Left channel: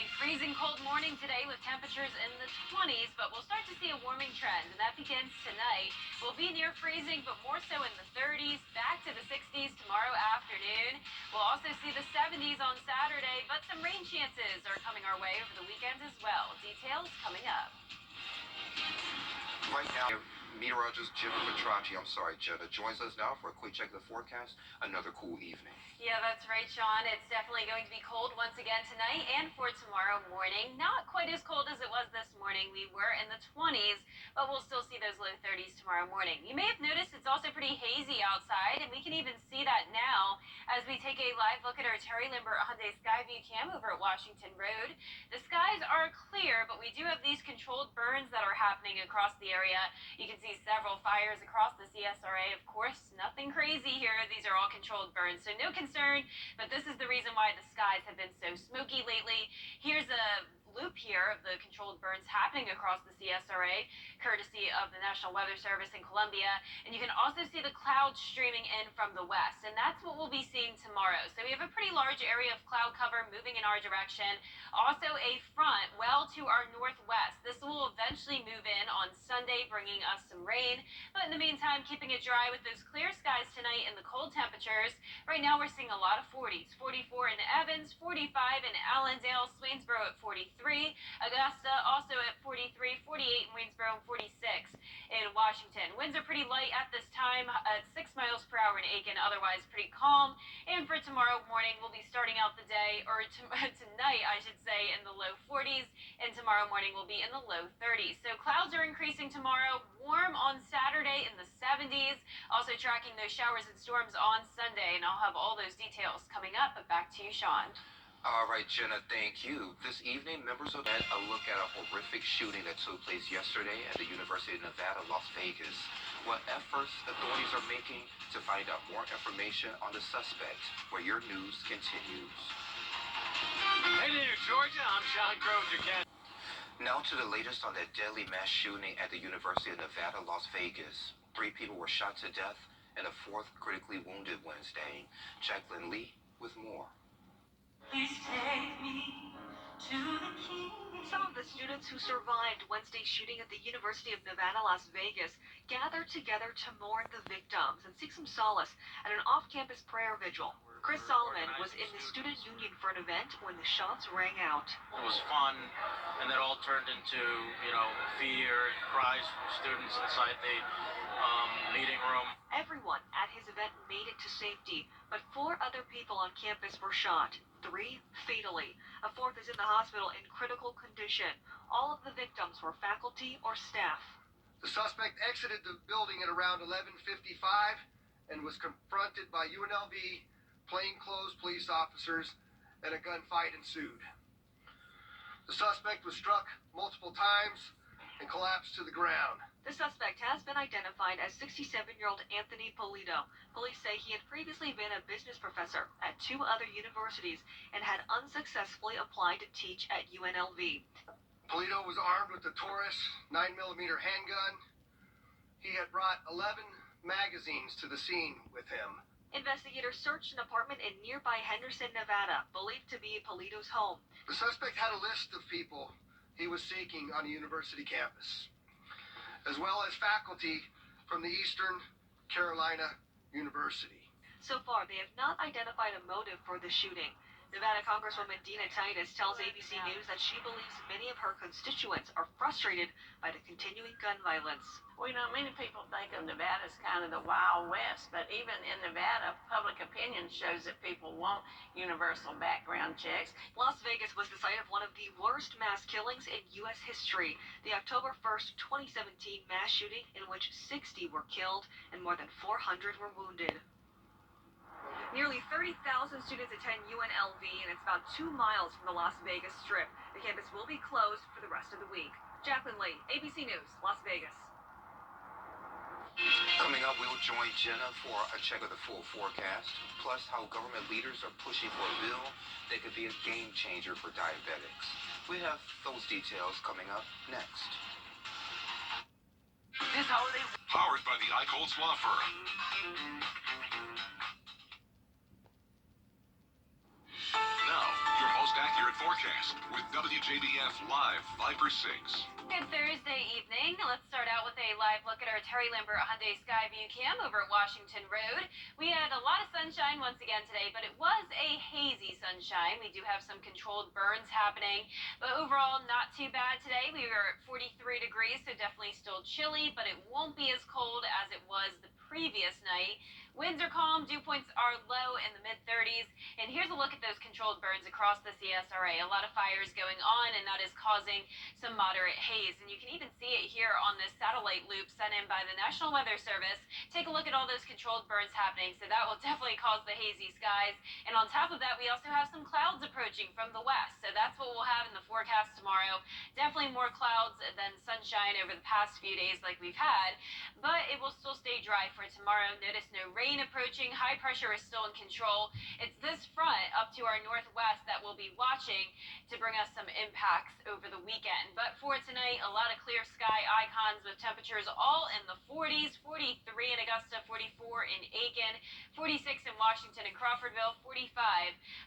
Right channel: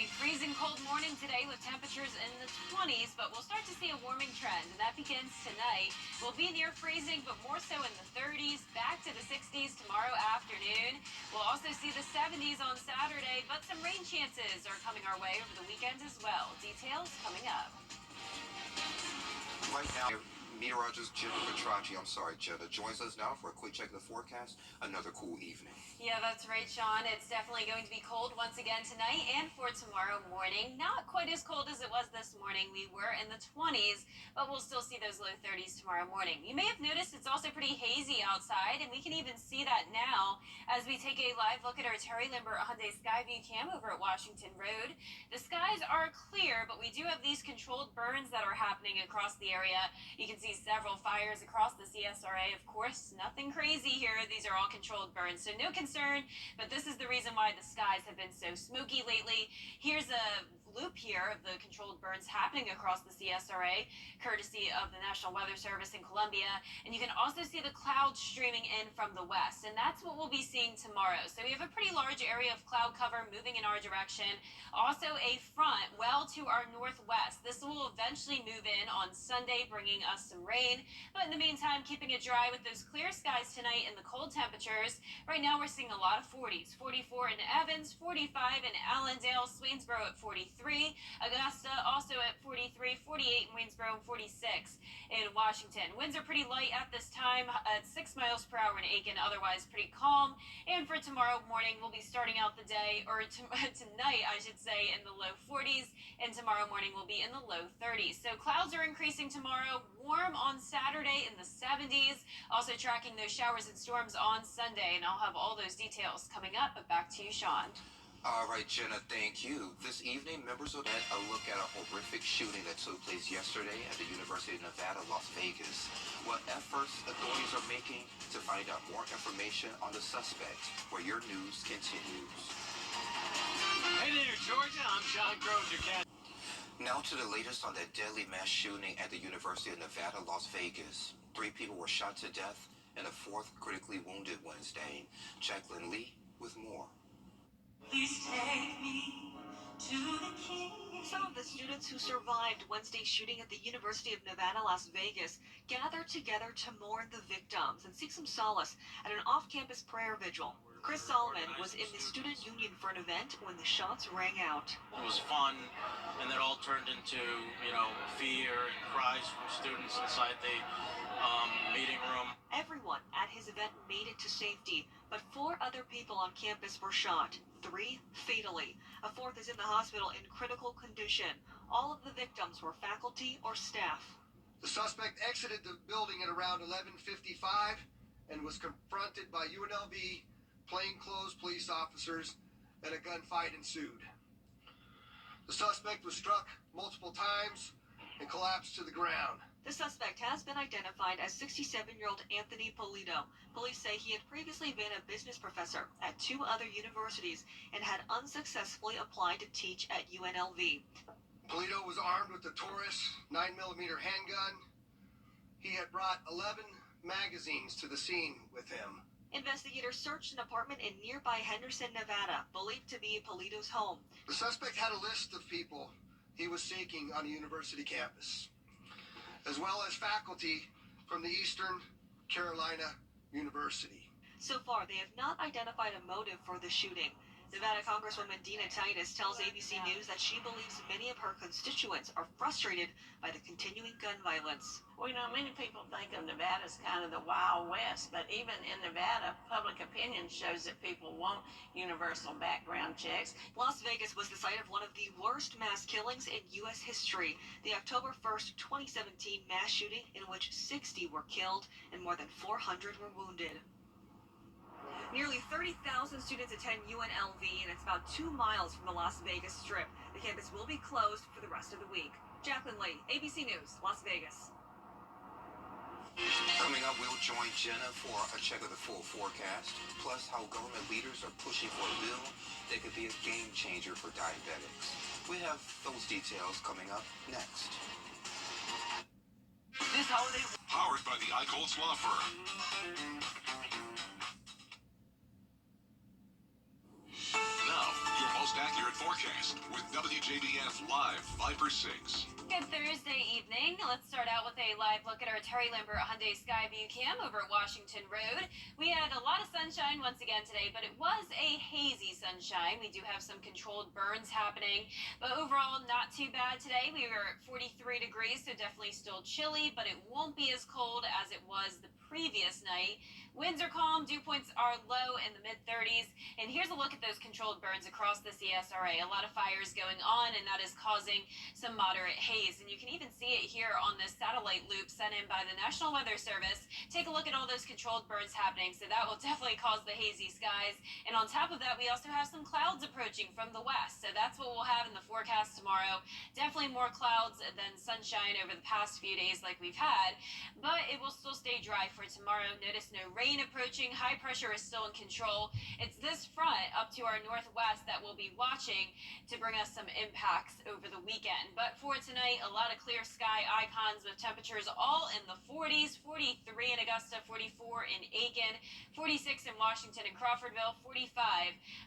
A freezing cold morning today with temperatures in the 20s, but we'll start to see a warming trend, and that begins tonight. We'll be near freezing, but more so in the 30s, back to the 60s tomorrow afternoon. We'll also see the 70s on Saturday, but some rain chances are coming our way over the weekend as well. Details coming up. Right now, meteorologist Jenna joins us now for a quick check of the forecast. Another cool evening. Yeah, that's right, Sean. It's definitely going to be cold once again tonight and for tomorrow morning. Not quite as cold as it was this morning. We were in the 20s, but we'll still see those low 30s tomorrow morning. You may have noticed it's also pretty hazy outside, and we can even see that now as we take a live look at our Terry Limber Hyundai Skyview cam over at Washington Road. The skies are clear, but we do have these controlled burns that are happening across the area. You can see several fires across the CSRA. Of course, nothing crazy here. These are all controlled burns, so no concern, but this is the reason why the skies have been so smoky lately. Here's a loop here of the controlled burns happening across the CSRA, courtesy of the National Weather Service in Columbia. And you can also see the clouds streaming in from the west, and that's what we'll be seeing tomorrow. So we have a pretty large area of cloud cover moving in our direction. Also a front well to our northwest. This will eventually move in on Sunday, bringing us some rain. But in the meantime, keeping it dry with those clear skies tonight and the cold temperatures. Right now we're seeing a lot of 40s. 44 in Evans, 45 in Allendale, Swainsboro at 43. Augusta also at 43, 48 in Waynesboro, and 46 in Washington. Winds are pretty light at this time at 6 miles per hour in Aiken, otherwise pretty calm. And for tomorrow morning, we'll be starting out the day, or tonight, I should say, in the low 40s, and tomorrow morning will be in the low 30s. So clouds are increasing tomorrow, warm on Saturday in the 70s, also tracking those showers and storms on Sunday, and I'll have all those details coming up, but back to you, Sean. All right, Jenna, thank you. This evening, members will get a look at a horrific shooting that took place yesterday at the University of Nevada, Las Vegas. What efforts authorities are making to find out more information on the suspect, where your news continues. Hey there, Georgia. I'm Sean Crozier. Now to the latest on that deadly mass shooting at the University of Nevada, Las Vegas. 3 people were shot to death and a 4th critically wounded Wednesday. Jacqueline Lee with more. Please take me to the king. Some of the students who survived Wednesday's shooting at the University of Nevada, Las Vegas, gathered together to mourn the victims and seek some solace at an off-campus prayer vigil. Chris Solomon was in the student union for an event when the shots rang out. It was fun, and that all turned into, fear and cries from students inside the meeting room. Everyone at his event made it to safety, but 4 other people on campus were shot. 3 fatally. A 4th is in the hospital in critical condition. All of the victims were faculty or staff. The suspect exited the building at around 11:55 and was confronted by UNLV plainclothes police officers, and a gunfight ensued. The suspect was struck multiple times and collapsed to the ground. The suspect has been identified as 67-year-old Anthony Polito. Police say he had previously been a business professor at 2 other universities and had unsuccessfully applied to teach at UNLV. Polito was armed with a Taurus 9mm handgun. He had brought 11 magazines to the scene with him. Investigators searched an apartment in nearby Henderson, Nevada, believed to be Polito's home. The suspect had a list of people he was seeking on a university campus, as well as faculty from the Eastern Carolina University. So far, they have not identified a motive for the shooting. Nevada Congresswoman Dina Titus tells ABC News that she believes many of her constituents are frustrated by the continuing gun violence. Well, many people think of Nevada as kind of the Wild West, but even in Nevada, public opinion shows that people want universal background checks. Las Vegas was the site of one of the worst mass killings in U.S. history, the October 1st, 2017 mass shooting in which 60 were killed and more than 400 were wounded. Nearly 30,000 students attend UNLV, and it's about 2 miles from the Las Vegas Strip. The campus will be closed for the rest of the week. Jacqueline Lee, ABC News, Las Vegas. Coming up, we'll join Jenna for a check of the full forecast, plus how government leaders are pushing for a bill that could be a game changer for diabetics. We have those details coming up next. This holiday... Powered by the Eichholz Law Firm. Now, your host accurate forecast with WJBF Live Viper 6. Good Thursday evening. Let's start out with a live look at our Terry Lambert Hyundai Skyview cam over at Washington Road. We had a lot of sunshine once again today, but it was a hazy sunshine. We do have some controlled burns happening, but overall not too bad today. We were at 43 degrees, so definitely still chilly, but it won't be as cold as it was the previous night. Winds are calm, dew points are low in the mid-30s, and here's a look at those controlled burns across the CSRA. A lot of fires going on, and that is causing some moderate haze, and you can even see it here on this satellite loop sent in by the National Weather Service. Take a look at all those controlled burns happening, so that will definitely cause the hazy skies, and on top of that, we also have some clouds approaching from the west, so that's what we'll have in the forecast tomorrow. Definitely more clouds than sunshine over the past few days like we've had, but it will still stay dry for tomorrow. Notice no rain approaching. High pressure is still in control. It's this front up to our northwest that we'll be watching to bring us some impacts over the weekend. But for tonight, a lot of clear sky icons with temperatures all in the 40s, 43 in Augusta, 44 in Aiken, 46 in Washington and Crawfordville, 45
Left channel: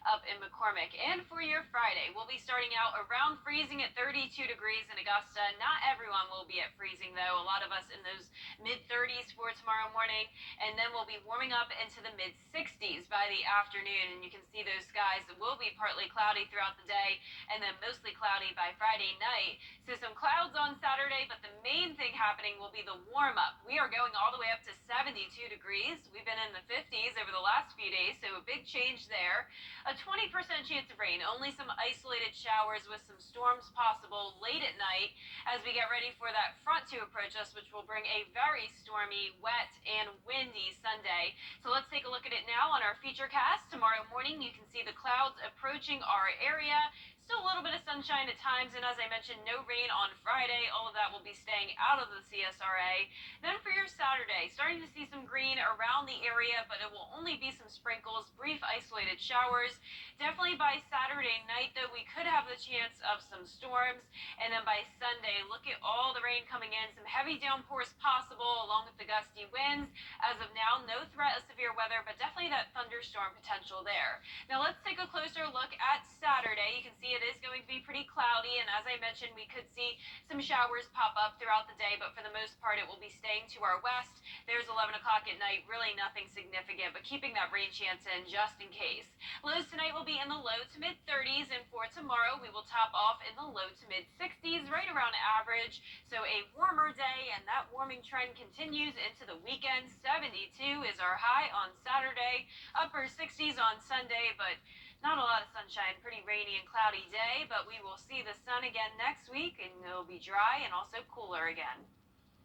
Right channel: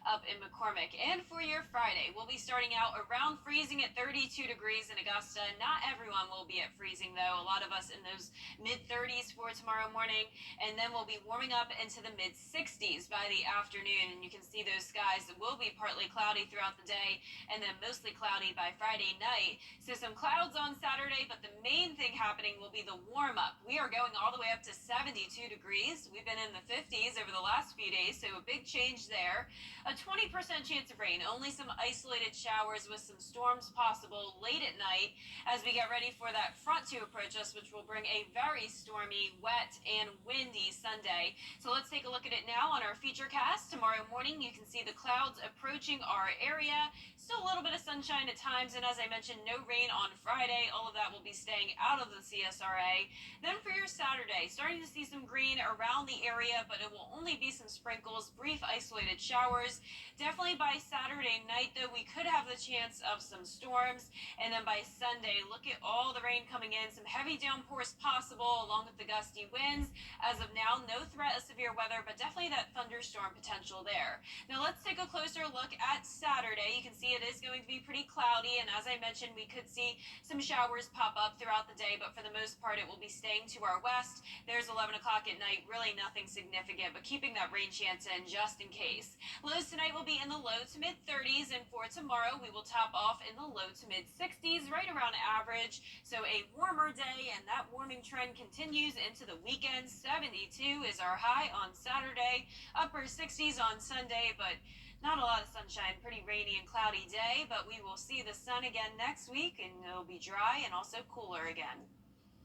up in McCormick. And for your Friday, we'll be starting out around freezing at 32 degrees in Augusta. Not everyone will be at freezing though. A lot of us in those mid-30s for tomorrow morning, and then we'll be warming up into the mid-60s by the afternoon, and you can see those skies will be partly cloudy throughout the day and then mostly cloudy by Friday night. So some clouds on Saturday, but the main thing happening will be the warm-up. We are going all the way up to 72 degrees. We've been in the 50s over the last few days, so a big change there. A 20% chance of rain, only some isolated showers with some storms possible late at night as we get ready for that front to approach us, which will bring a very stormy, wet, and windy Sunday. So let's take a look at it now on our feature cast. Tomorrow morning, you can see the clouds approaching our area. Still a little bit of sunshine at times, and as I mentioned, no rain on Friday. All of that will be staying out of the CSRA. Then for your Saturday, starting to see some green around the area, but it will only be some sprinkles, brief isolated showers. Definitely by Saturday night, though, we could have the chance of some storms. And then by Sunday, look at all the rain coming in. Some heavy downpours possible, along with the gusty winds. As of now, no threat of severe weather, but definitely that thunderstorm potential there. Now let's take a closer look at Saturday. You can see it is going to be pretty cloudy, and as I mentioned, we could see some showers pop up throughout the day, but for the most part, it will be staying to our west. There's 11 o'clock at night, really nothing significant, but keeping that rain chance in just in case. Lows tonight will be in the low to mid-30s, and for tomorrow, we will top off in the low to mid-60s, right around average. So a warmer day, and that warming trend continues into the weekend. 72 is our high on Saturday, upper 60s on Sunday, but not a lot of sunshine, pretty rainy and cloudy day, but we will see the sun again next week, and it'll be dry and also cooler again.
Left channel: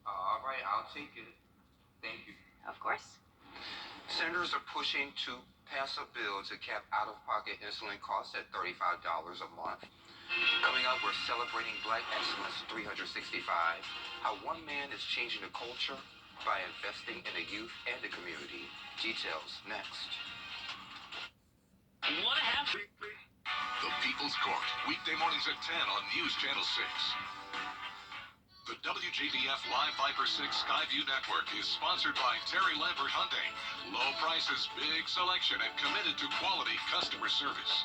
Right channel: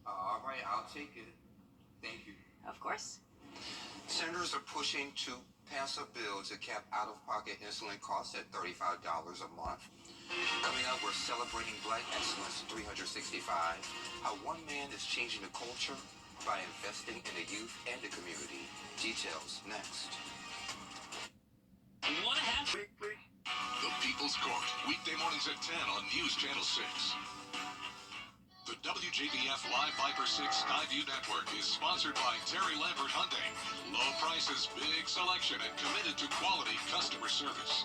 All right, I'll take it. Thank you. Of course. Senators are pushing to pass a bill to cap out-of-pocket insulin costs at $35 a month. Coming up, we're celebrating Black Excellence 365, how one man is changing the culture by investing in the youth and the community. Details next. What happened? The People's Court, weekday mornings at 10 on News Channel 6. The WJBF Live Viper 6 Skyview Network is sponsored by Terry Lambert Hyundai. Low prices, big selection, and committed to quality customer service.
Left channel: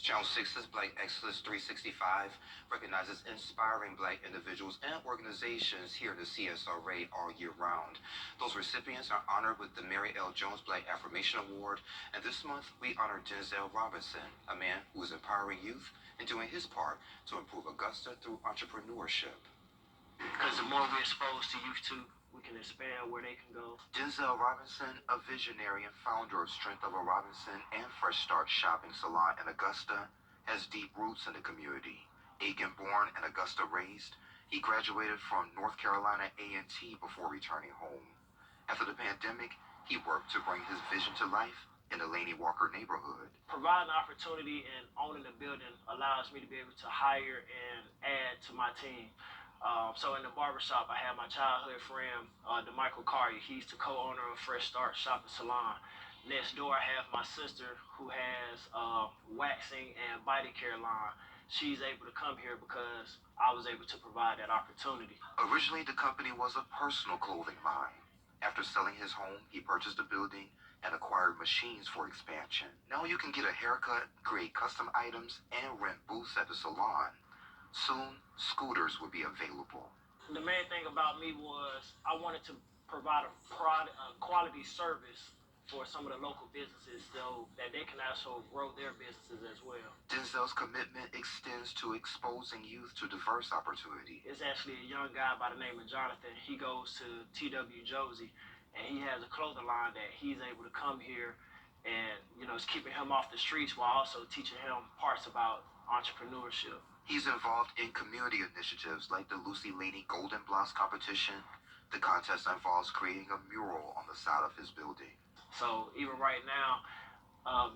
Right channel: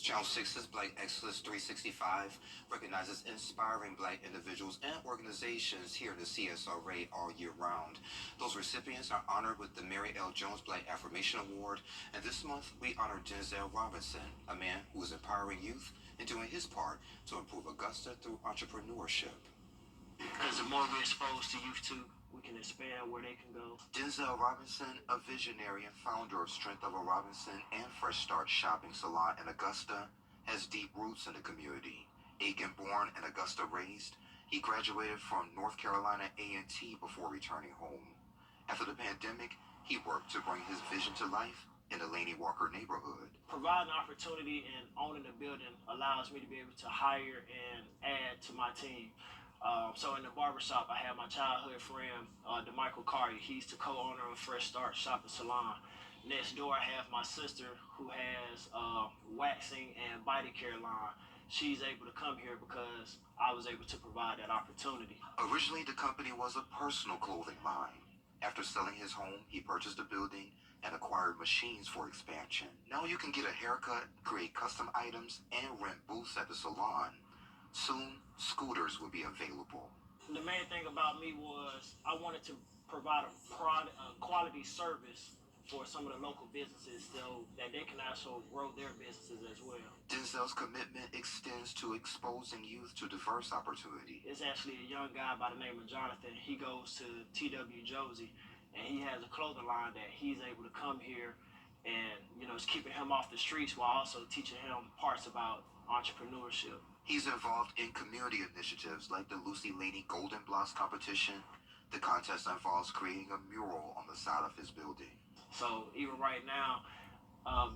Channel 6's Black Excellence 365 recognizes inspiring Black individuals and organizations here in the CSRA all year round. Those recipients are honored with the Mary L. Jones Black Affirmation Award, and this month we honor Denzel Robinson, a man who is empowering youth and doing his part to improve Augusta through entrepreneurship. Because the more we're exposed to youth too, we can expand where they can go. Denzel Robinson, a visionary and founder of Strength of a Robinson and Fresh Start Shopping Salon in Augusta, has deep roots in the community. Aiken born and Augusta raised, he graduated from North Carolina A&T before returning home. After the pandemic, he worked to bring his vision to life in the Laney Walker neighborhood. Providing opportunity and owning the building allows me to be able to hire and add to my team. So in the barbershop, I have my childhood friend, DeMichael Carty. He's the co-owner of Fresh Start Shopping Salon. Next door, I have my sister who has waxing and body care line. She's able to come here because I was able to provide that opportunity. Originally, the company was a personal clothing line. After selling his home, he purchased a building and acquired machines for expansion. Now you can get a haircut, create custom items, and rent booths at the salon. Soon, scooters will be available. The main thing about me was I wanted to provide a quality service for some of the local businesses so that they can also grow their businesses as well. Denzel's commitment extends to exposing youth to diverse opportunity. It's actually a young guy by the name of Jonathan. He goes to WJBF, and he has a clothing line that he's able to come here and, it's keeping him off the streets while also teaching him parts about entrepreneurship. He's involved in community initiatives like the Lucy Laney Golden Blocks competition. The contest involves creating a mural on the side of his building. So even right now,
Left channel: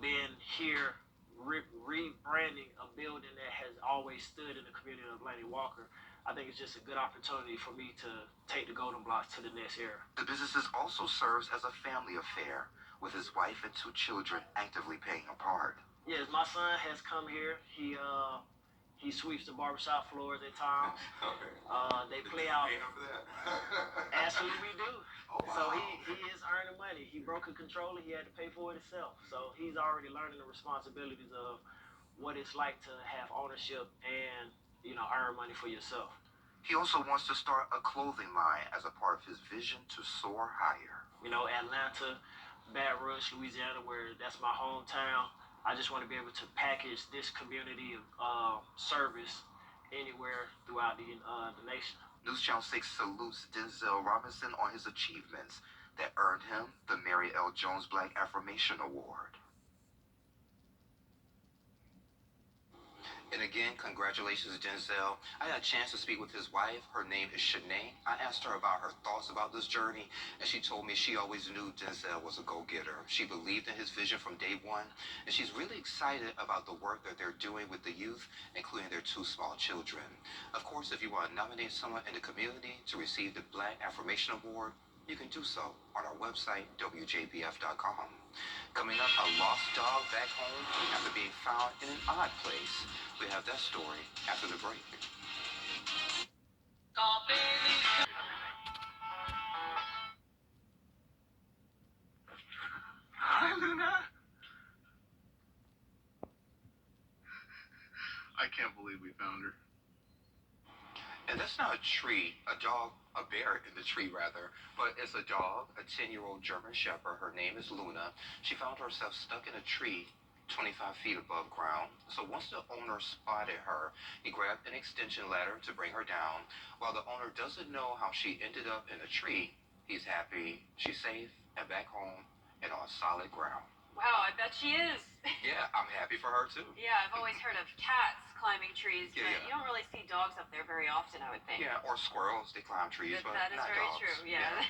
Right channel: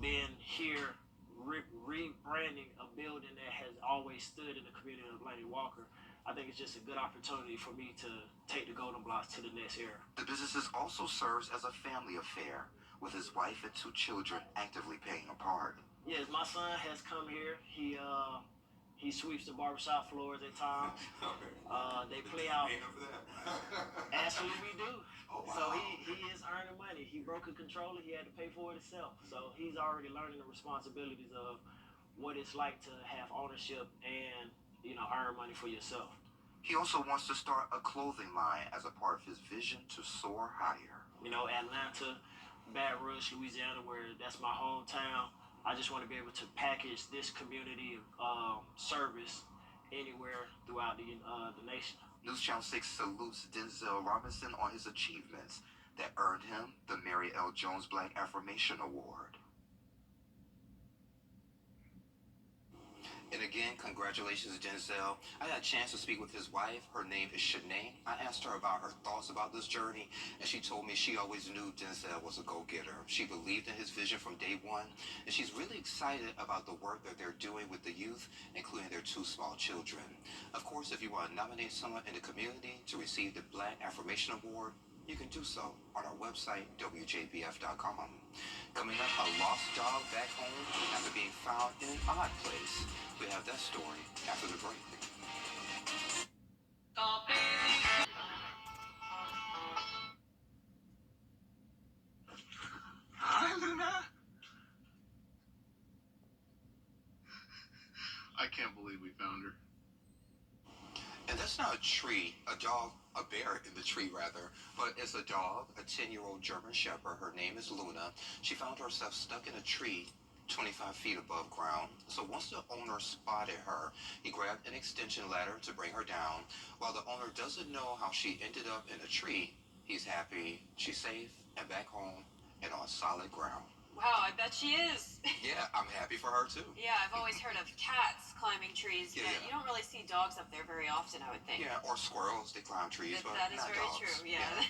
being here, rebranding a building that has always stood in the community of Laney Walker, I think it's just a good opportunity for me to take the Golden Blocks to the next era. The businesses also serves as a family affair, with his wife and 2 children actively playing a part. Yes, my son has come here. He sweeps the barbershop floors at times. Okay. They play out. For that? Actually, we do. Oh, wow. So he is earning money. He broke a controller. He had to pay for it himself. So he's already learning the responsibilities of what it's like to have ownership and earn money for yourself. He also wants to start a clothing line as a part of his vision to soar higher. Atlanta, Baton Rouge, Louisiana, where that's my hometown. I just want to be able to package this community of service anywhere throughout the nation. News Channel 6 salutes Denzel Robinson on his achievements that earned him the Mary L. Jones Black Affirmation Award. And again, congratulations, Denzel. I had a chance to speak with his wife. Her name is Shanae. I asked her about her thoughts about this journey, and she told me she always knew Denzel was a go-getter. She believed in his vision from day one, and she's really excited about the work that they're doing with the youth, including their 2 small children. Of course, if you want to nominate someone in the community to receive the Black Affirmation Award, you can do so on our website, WJBF.com. Coming up, a lost dog back home after being found in an odd place. We have that story after the break. Hi, Luna. I can't believe we found her. And that's not a tree, a dog, a bear in the tree rather, but it's a dog, a 10-year-old German Shepherd. Her name is Luna. She found herself stuck in a tree 25 feet above ground. So once the owner spotted her, he grabbed an extension ladder to bring her down. While the owner doesn't know how she ended up in a tree, he's happy she's safe and back home and on solid ground. Wow, I bet she is. Yeah, I'm happy for her too. Yeah, I've always heard of cats climbing trees, but you don't really see dogs up there very often, I would think. Yeah, or squirrels, they climb trees, but that is not very dogs. true, yeah.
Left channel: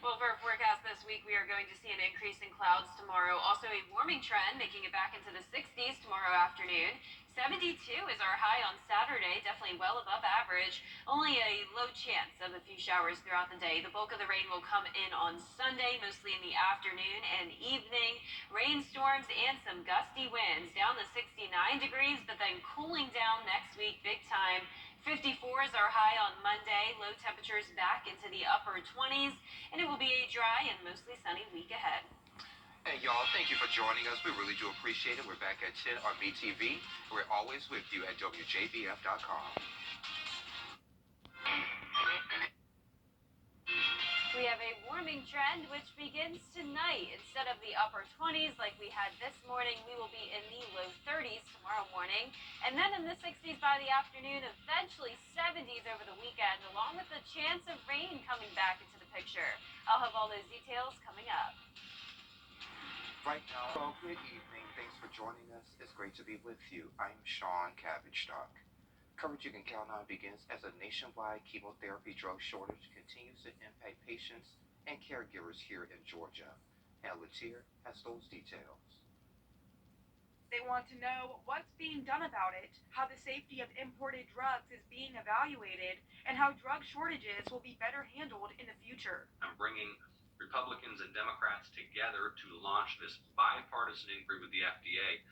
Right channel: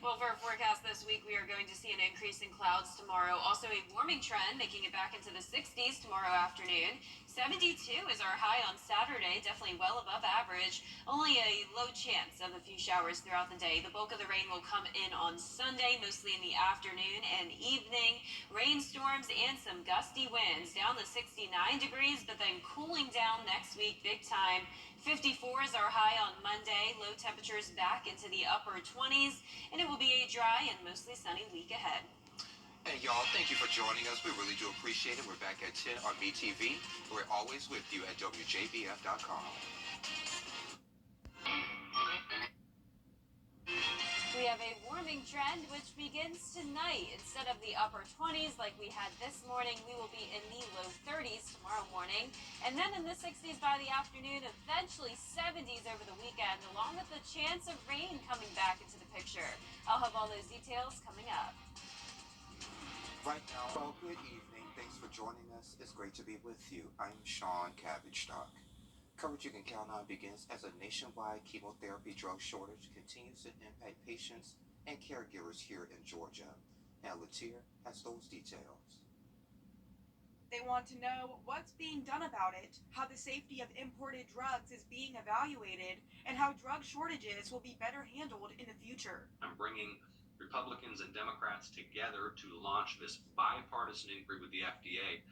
Well, for our forecast this week, we are going to see an increase in clouds tomorrow. Also a warming trend, making it back into the 60s tomorrow afternoon. 72 is our high on Saturday, definitely well above average. Only a low chance of a few showers throughout the day. The bulk of the rain will come in on Sunday, mostly in the afternoon and evening. Rainstorms and some gusty winds down to 69 degrees, but then cooling down next week big time. 54 is our high on Monday. Low temperatures back into the upper 20s, and it will be a dry and mostly sunny week ahead. Hey, y'all, thank you for joining us. We really do appreciate it. We're back at 10 on MeTV. We're always with you at WJBF.com. We have a warming trend which begins tonight. Instead of the upper 20s like we had this morning, we will be in the low 30s tomorrow morning. And then in the 60s by the afternoon, eventually 70s over the weekend, along with the chance of rain coming back into the picture. I'll have all those details coming up. Right now, well, good evening. Thanks for joining us. It's great to be with you. I'm Sean Cabbage-Stock. Coverage you can count on begins as a nationwide chemotherapy drug shortage continues to impact patients and caregivers here in Georgia. And Latier has those details. They want to know what's being done about it, how the safety of imported drugs is being evaluated, and how drug shortages will be better handled in the future. I'm bringing Republicans and Democrats together to launch this bipartisan inquiry with the FDA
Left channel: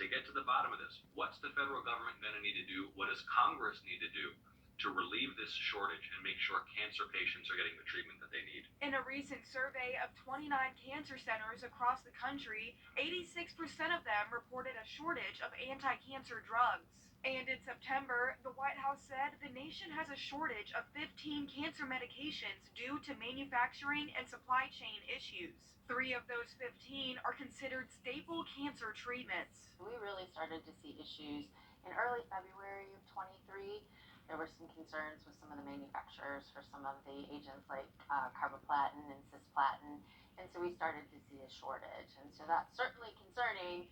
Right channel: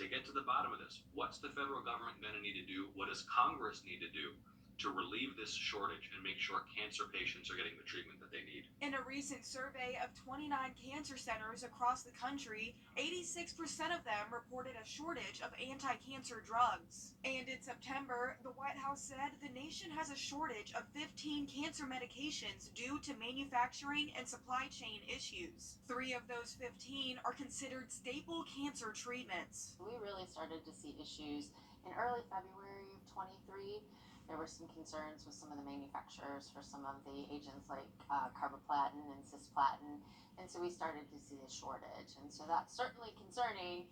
to get to the bottom of this. What's the federal government going to need to do? What does Congress need to do to relieve this shortage and make sure cancer patients are getting the treatment that they need. In a recent survey of 29 cancer centers across the country, 86% of them reported a shortage of anti-cancer drugs. And in September, the White House said the nation has a shortage of 15 cancer medications due to manufacturing and supply chain issues. 3 of those 15 are considered staple cancer treatments. We really started to see issues in early February of 23. There were some concerns with some of the manufacturers for some of the agents like carboplatin and cisplatin, and so we started to see a shortage. And so that's certainly concerning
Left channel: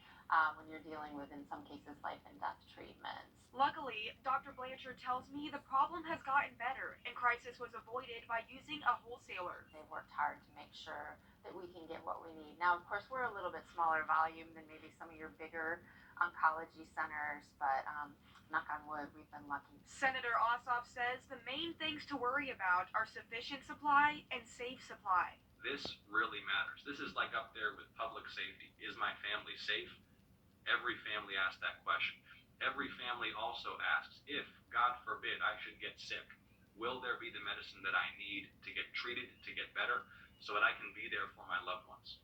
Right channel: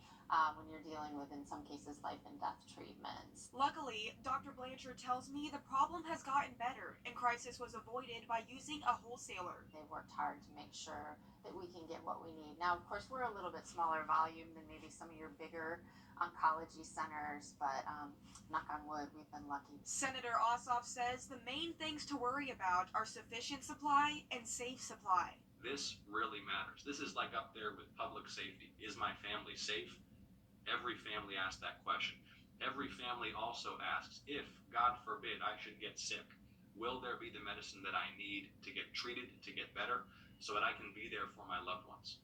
when you're dealing with, in some cases, life and death treatments. Luckily, Dr. Blanchard tells me the problem has gotten better and crisis was avoided by using a wholesaler. They worked hard to make sure that we can get what we need. Now, of course, we're a little bit smaller volume than maybe some of your bigger oncology centers, but knock on wood, we've been lucky. Senator Ossoff says the main things to worry about are sufficient supply and safe supply. This really matters. This is like up there with public safety. Is my family safe? Every family asks that question. Every family also asks, if, God forbid, I should get sick, will there be the medicine that I need to get treated, to get better, so that I can be there for my loved ones?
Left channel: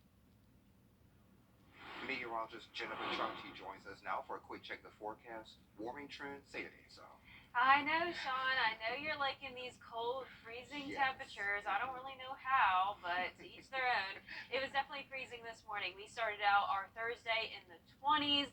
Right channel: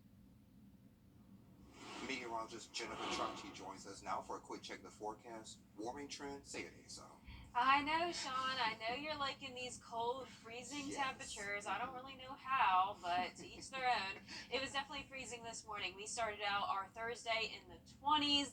Meteorologist Jennifer Chauncey joins us now for a quick check of the forecast. Warming trend, say it ain't so. I know, Sean. I know you're liking these cold, freezing temperatures. I don't really know how, but to each their own. It was definitely freezing this morning. We started out our Thursday in the 20s.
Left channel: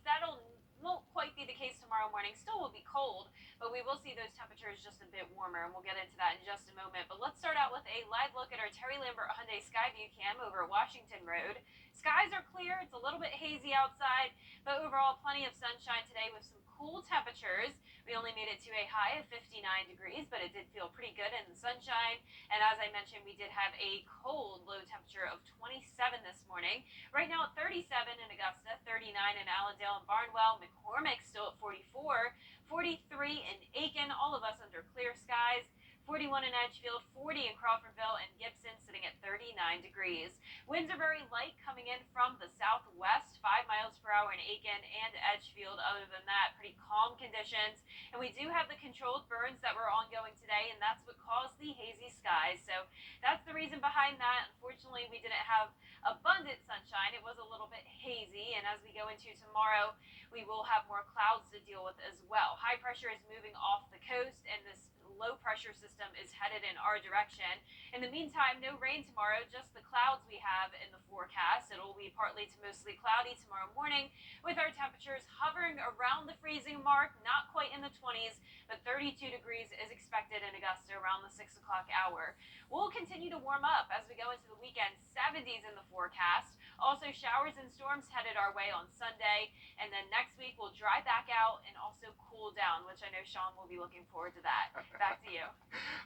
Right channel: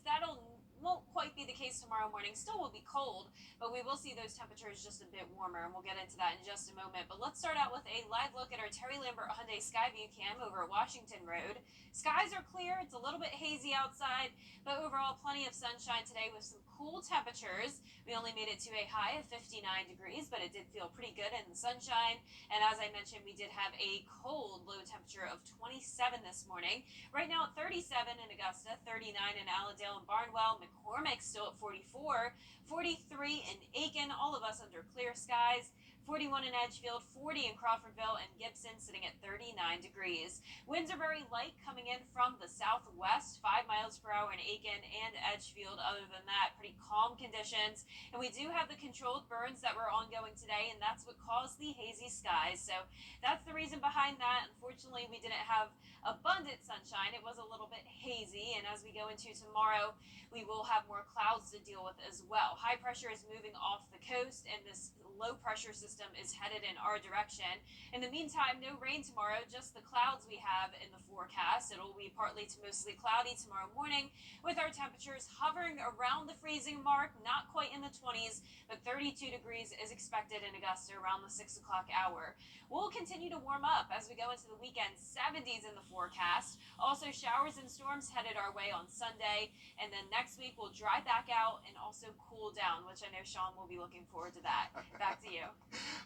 Won't quite be the case tomorrow morning. Still will be cold, but we will see those temperatures just a bit warmer, and we'll get into that in just a moment. But let's start out with a live look at our Terry Lambert Hyundai Skyview cam over at Washington Road. Skies are clear. It's a little bit hazy outside, but overall plenty of sunshine today with some cool temperatures. We only made it to a high of 59 degrees, but it did feel pretty good in the sunshine. And as I mentioned, we did have a cold low temperature of 27 this morning. Right now at 37 in Augusta, 39 in Allendale and Barnwell, McCormick still at 44, 43 in Aiken, all of us under clear skies. 41 in Edgefield, 40 in Crawfordville, and Gibson sitting at 39 degrees. Winds are very light coming in from the southwest, 5 miles per hour in Aiken and Edgefield. Other than that, pretty calm conditions. And we do have the controlled burns that were ongoing today, and that's what caused the hazy skies. So that's the reason behind that. Unfortunately, we didn't have abundant sunshine. It was a little bit hazy, and as we go into tomorrow, we will have more clouds to deal with as well. High pressure is moving off the coast, and this low pressure system is headed in our direction. In the meantime, no rain tomorrow, just the clouds we have in the forecast. It'll be partly to mostly cloudy tomorrow morning, with our temperatures hovering around the freezing mark, not quite in the 20s, but 32 degrees is expected in Augusta around the 6 o'clock hour. We'll continue to warm up as we go into the weekend. 70s in the forecast. Also showers and storms headed our way on Sunday, and then next week we'll dry back out and also cool down, which I know Sean will be looking forward to that. Back to you.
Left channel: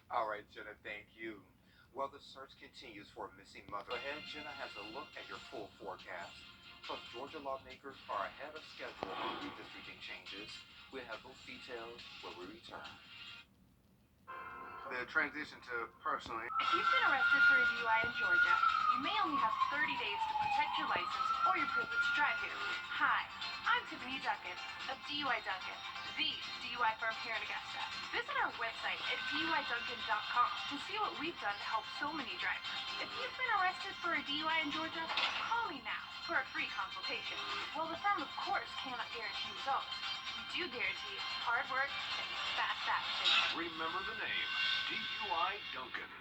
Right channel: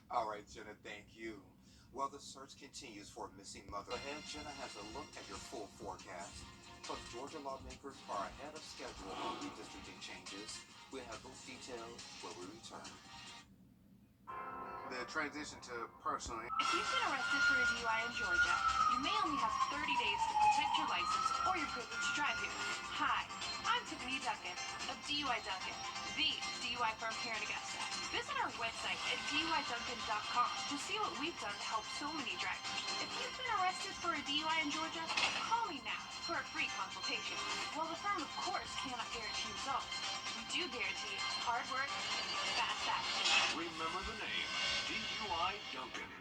All right, Jenna, thank you. Well, the search continues for a missing mother. Ahead, Jenna has a look at your full forecast. Plus, Georgia lawmakers are ahead of schedule on redistricting changes. We'll have those details when we return. The transition to personally. If you've been arrested for a DUI in Georgia, you may only have 30 days to protect your license or your privilege to drive here. Hi, I'm Tiffany Duncan of DUI Duncan, the DUI firm here in Augusta. Visit our website at DUIDuncan.com to see what we've done to help so many drivers. If you've been arrested for a DUI in Georgia, call me now for a free consultation. While the firm, of course, cannot guarantee results, we do guarantee hard work and fast action. Remember the name, DUI Duncan.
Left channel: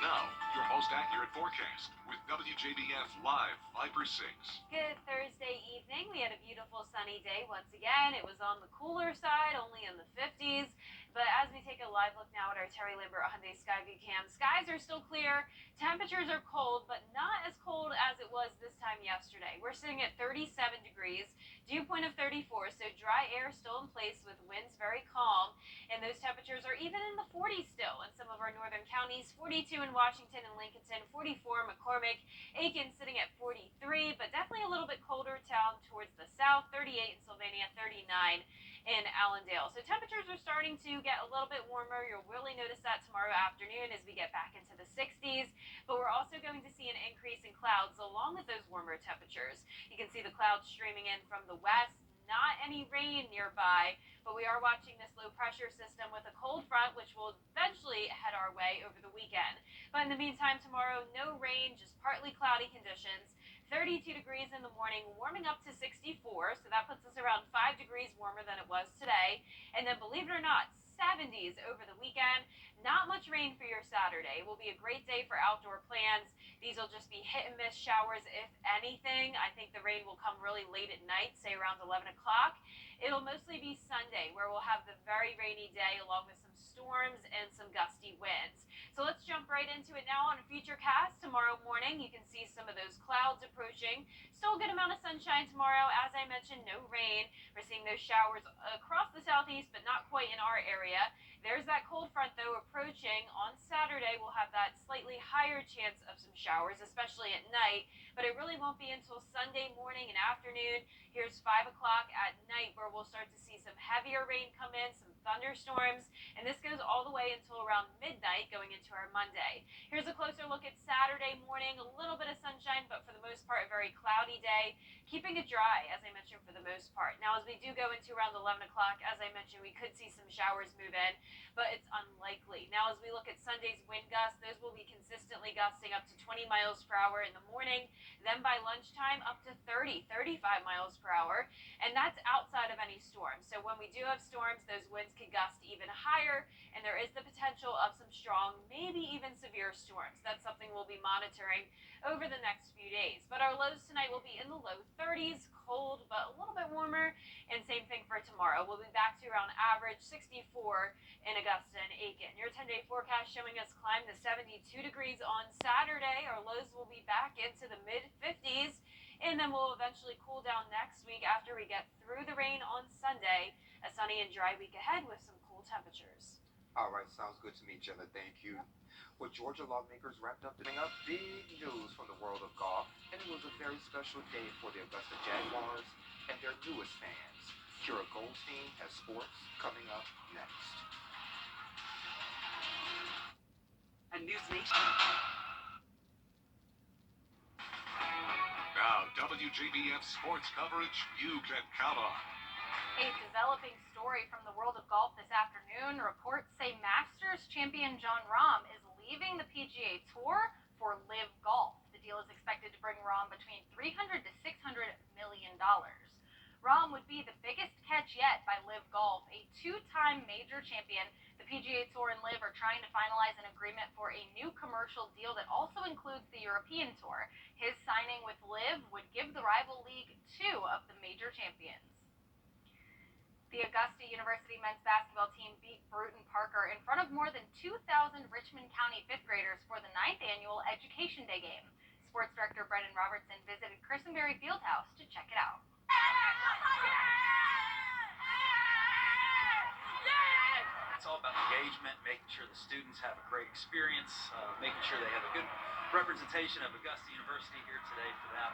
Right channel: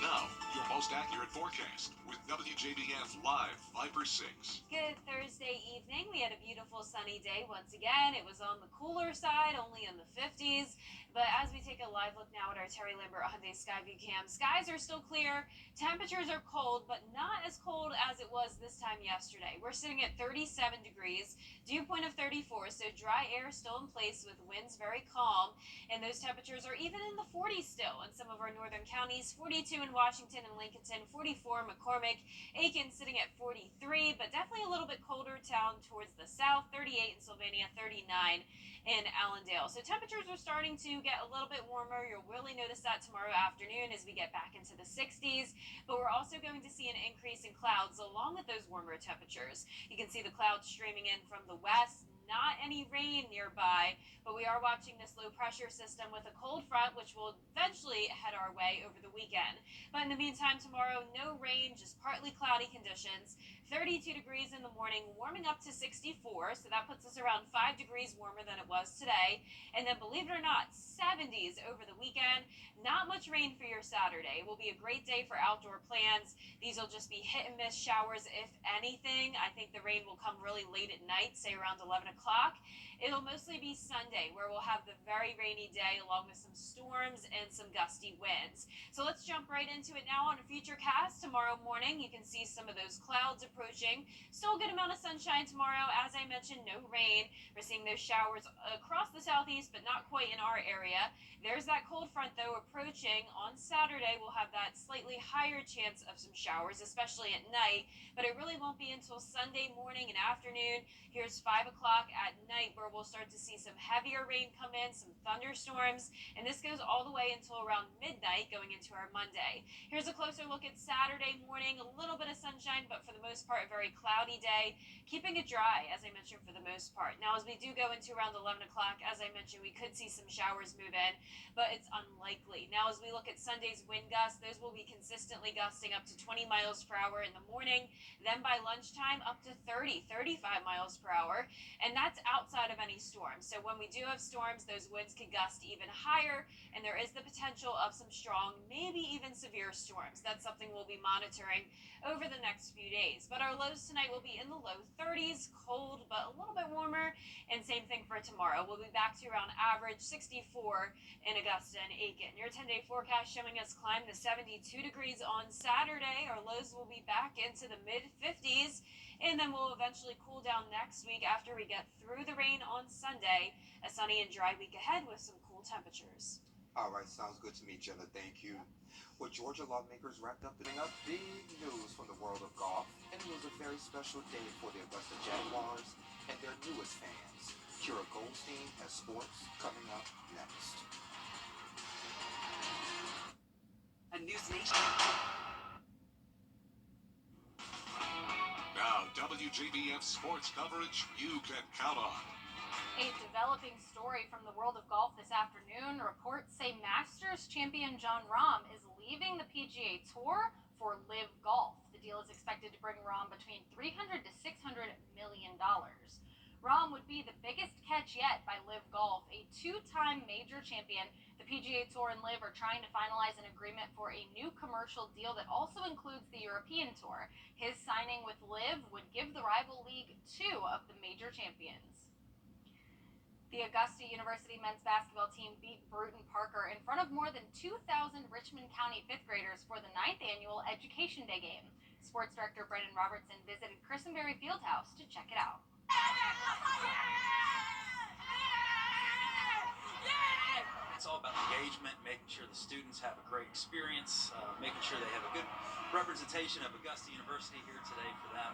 Now, your most accurate forecast with WJBF Live Viper 6. Good Thursday evening. We had a beautiful sunny day once again. It was on the cooler side, only in the 50s. But as we take a live look now at our Terry Lambert Hyundai Skyview cam, skies are still clear. Temperatures are cold, but not as cold as it was this time yesterday. We're sitting at 37 degrees, dew point of 34, so dry air still in place with winds very calm. And those temperatures are even in the 40s still in some of our northern counties. 42 in Washington and Lincolnton, 44 McCormick, Aiken sitting at 43, but definitely a little bit colder down towards the south. 38 in Sylvania, 39 in Allendale. So temperatures are starting to get a little bit warmer. You'll really notice that tomorrow afternoon as we get back into the 60s. But we're also going to see an increase in clouds along with those warmer temperatures. You can see the clouds streaming in from the west. not any rain nearby, but we are watching this low pressure system with a cold front, which will eventually head our way over the weekend. But in the meantime, tomorrow, no rain, just partly cloudy conditions. 32 degrees in the morning, warming up to 64, so that puts us around 5 degrees warmer than it was today. And then, believe it or not, 70s over the weekend. Not much rain for your Saturday. Will be a great day for outdoor plans. These will just be hit and miss showers, if anything. I think the rain will come really late at night, say around 11 o'clock. It'll mostly be Sunday, where we'll have the very rainy day along with some storms and some gusty winds. So let's jump right into it now on a Futurecast. Tomorrow morning, you can see some of those clouds approaching. Still a good amount of sunshine tomorrow. As I mentioned, no rain. We're seeing those showers across the southeast, but not quite in our area. There's that cold front, though, approaching. On Saturday, we'll have that slightly higher chance of some showers, especially at night. But it really won't be until Sunday morning and afternoon. Here's 5 o'clock at night, where we'll start to see some heavier rain come in, some thunderstorms. And this goes all the way until around midnight going into our Monday. Here's a closer look at Saturday morning. A little bit of sunshine, but for the most part, a very cloudy day. Keeping it dry, as I mentioned, for the most part. Now, as we do go into around 11 o'clock, as I mentioned, we could see some showers move in, but it's unlikely. Now, as we look at Sunday's wind gusts, those will be consistently gusting up to 20 miles per hour in the morning. Then by lunchtime, up to 30, 35 miles per hour. And that's outside of any storms. So when we do have storms, those winds could gust even higher, and there is the potential of some strong, maybe even severe storms. That's something we'll be monitoring over the next few days. But our lows tonight will be in the low 30s, cold, but a little bit warmer. And same thing for tomorrow. We'll be back to around average 64 in Augusta and Aiken. Your 10-day forecast showing us climb to 72 degrees on Saturday. Our lows will be back into the mid-50s. And then we'll eventually cool down next week after we get through the rain on Sunday. A sunny and dry week ahead with some cool temperatures. All right, sounds good to me, Jenna. Thank you. Well, Georgia lawmakers wrapped up big news from the world of golf, and it was a very special day for the Augusta Jaguars and their newest fans. Kira Goldstein has sports coming up next. A News Nation. Now, WJBF sports coverage you can count on. A developing story from the world of golf this afternoon. Reports say Masters champion Jon Rahm is leaving the PGA Tour for Live Golf. The deal is expected to bring Rahm between $300 to $600 million. Rahm would be the biggest catch yet by Live Golf, a two-time major champion. The PGA Tour and Live are trying to finalize an agreement for a new commercial deal that also includes the European Tour. His signing with Live would give the rival league two of the major champions. The Augusta University men's basketball team beat Bruton Parker in front of more than 2,000 Richmond County fifth graders for the 9th annual Education Day game. Sports director Brendan Robertson visited Christenberry Fieldhouse to check it out. It's all about engagement, making sure the students have a great experience, making sure they have a good representation of Augusta University here today for them.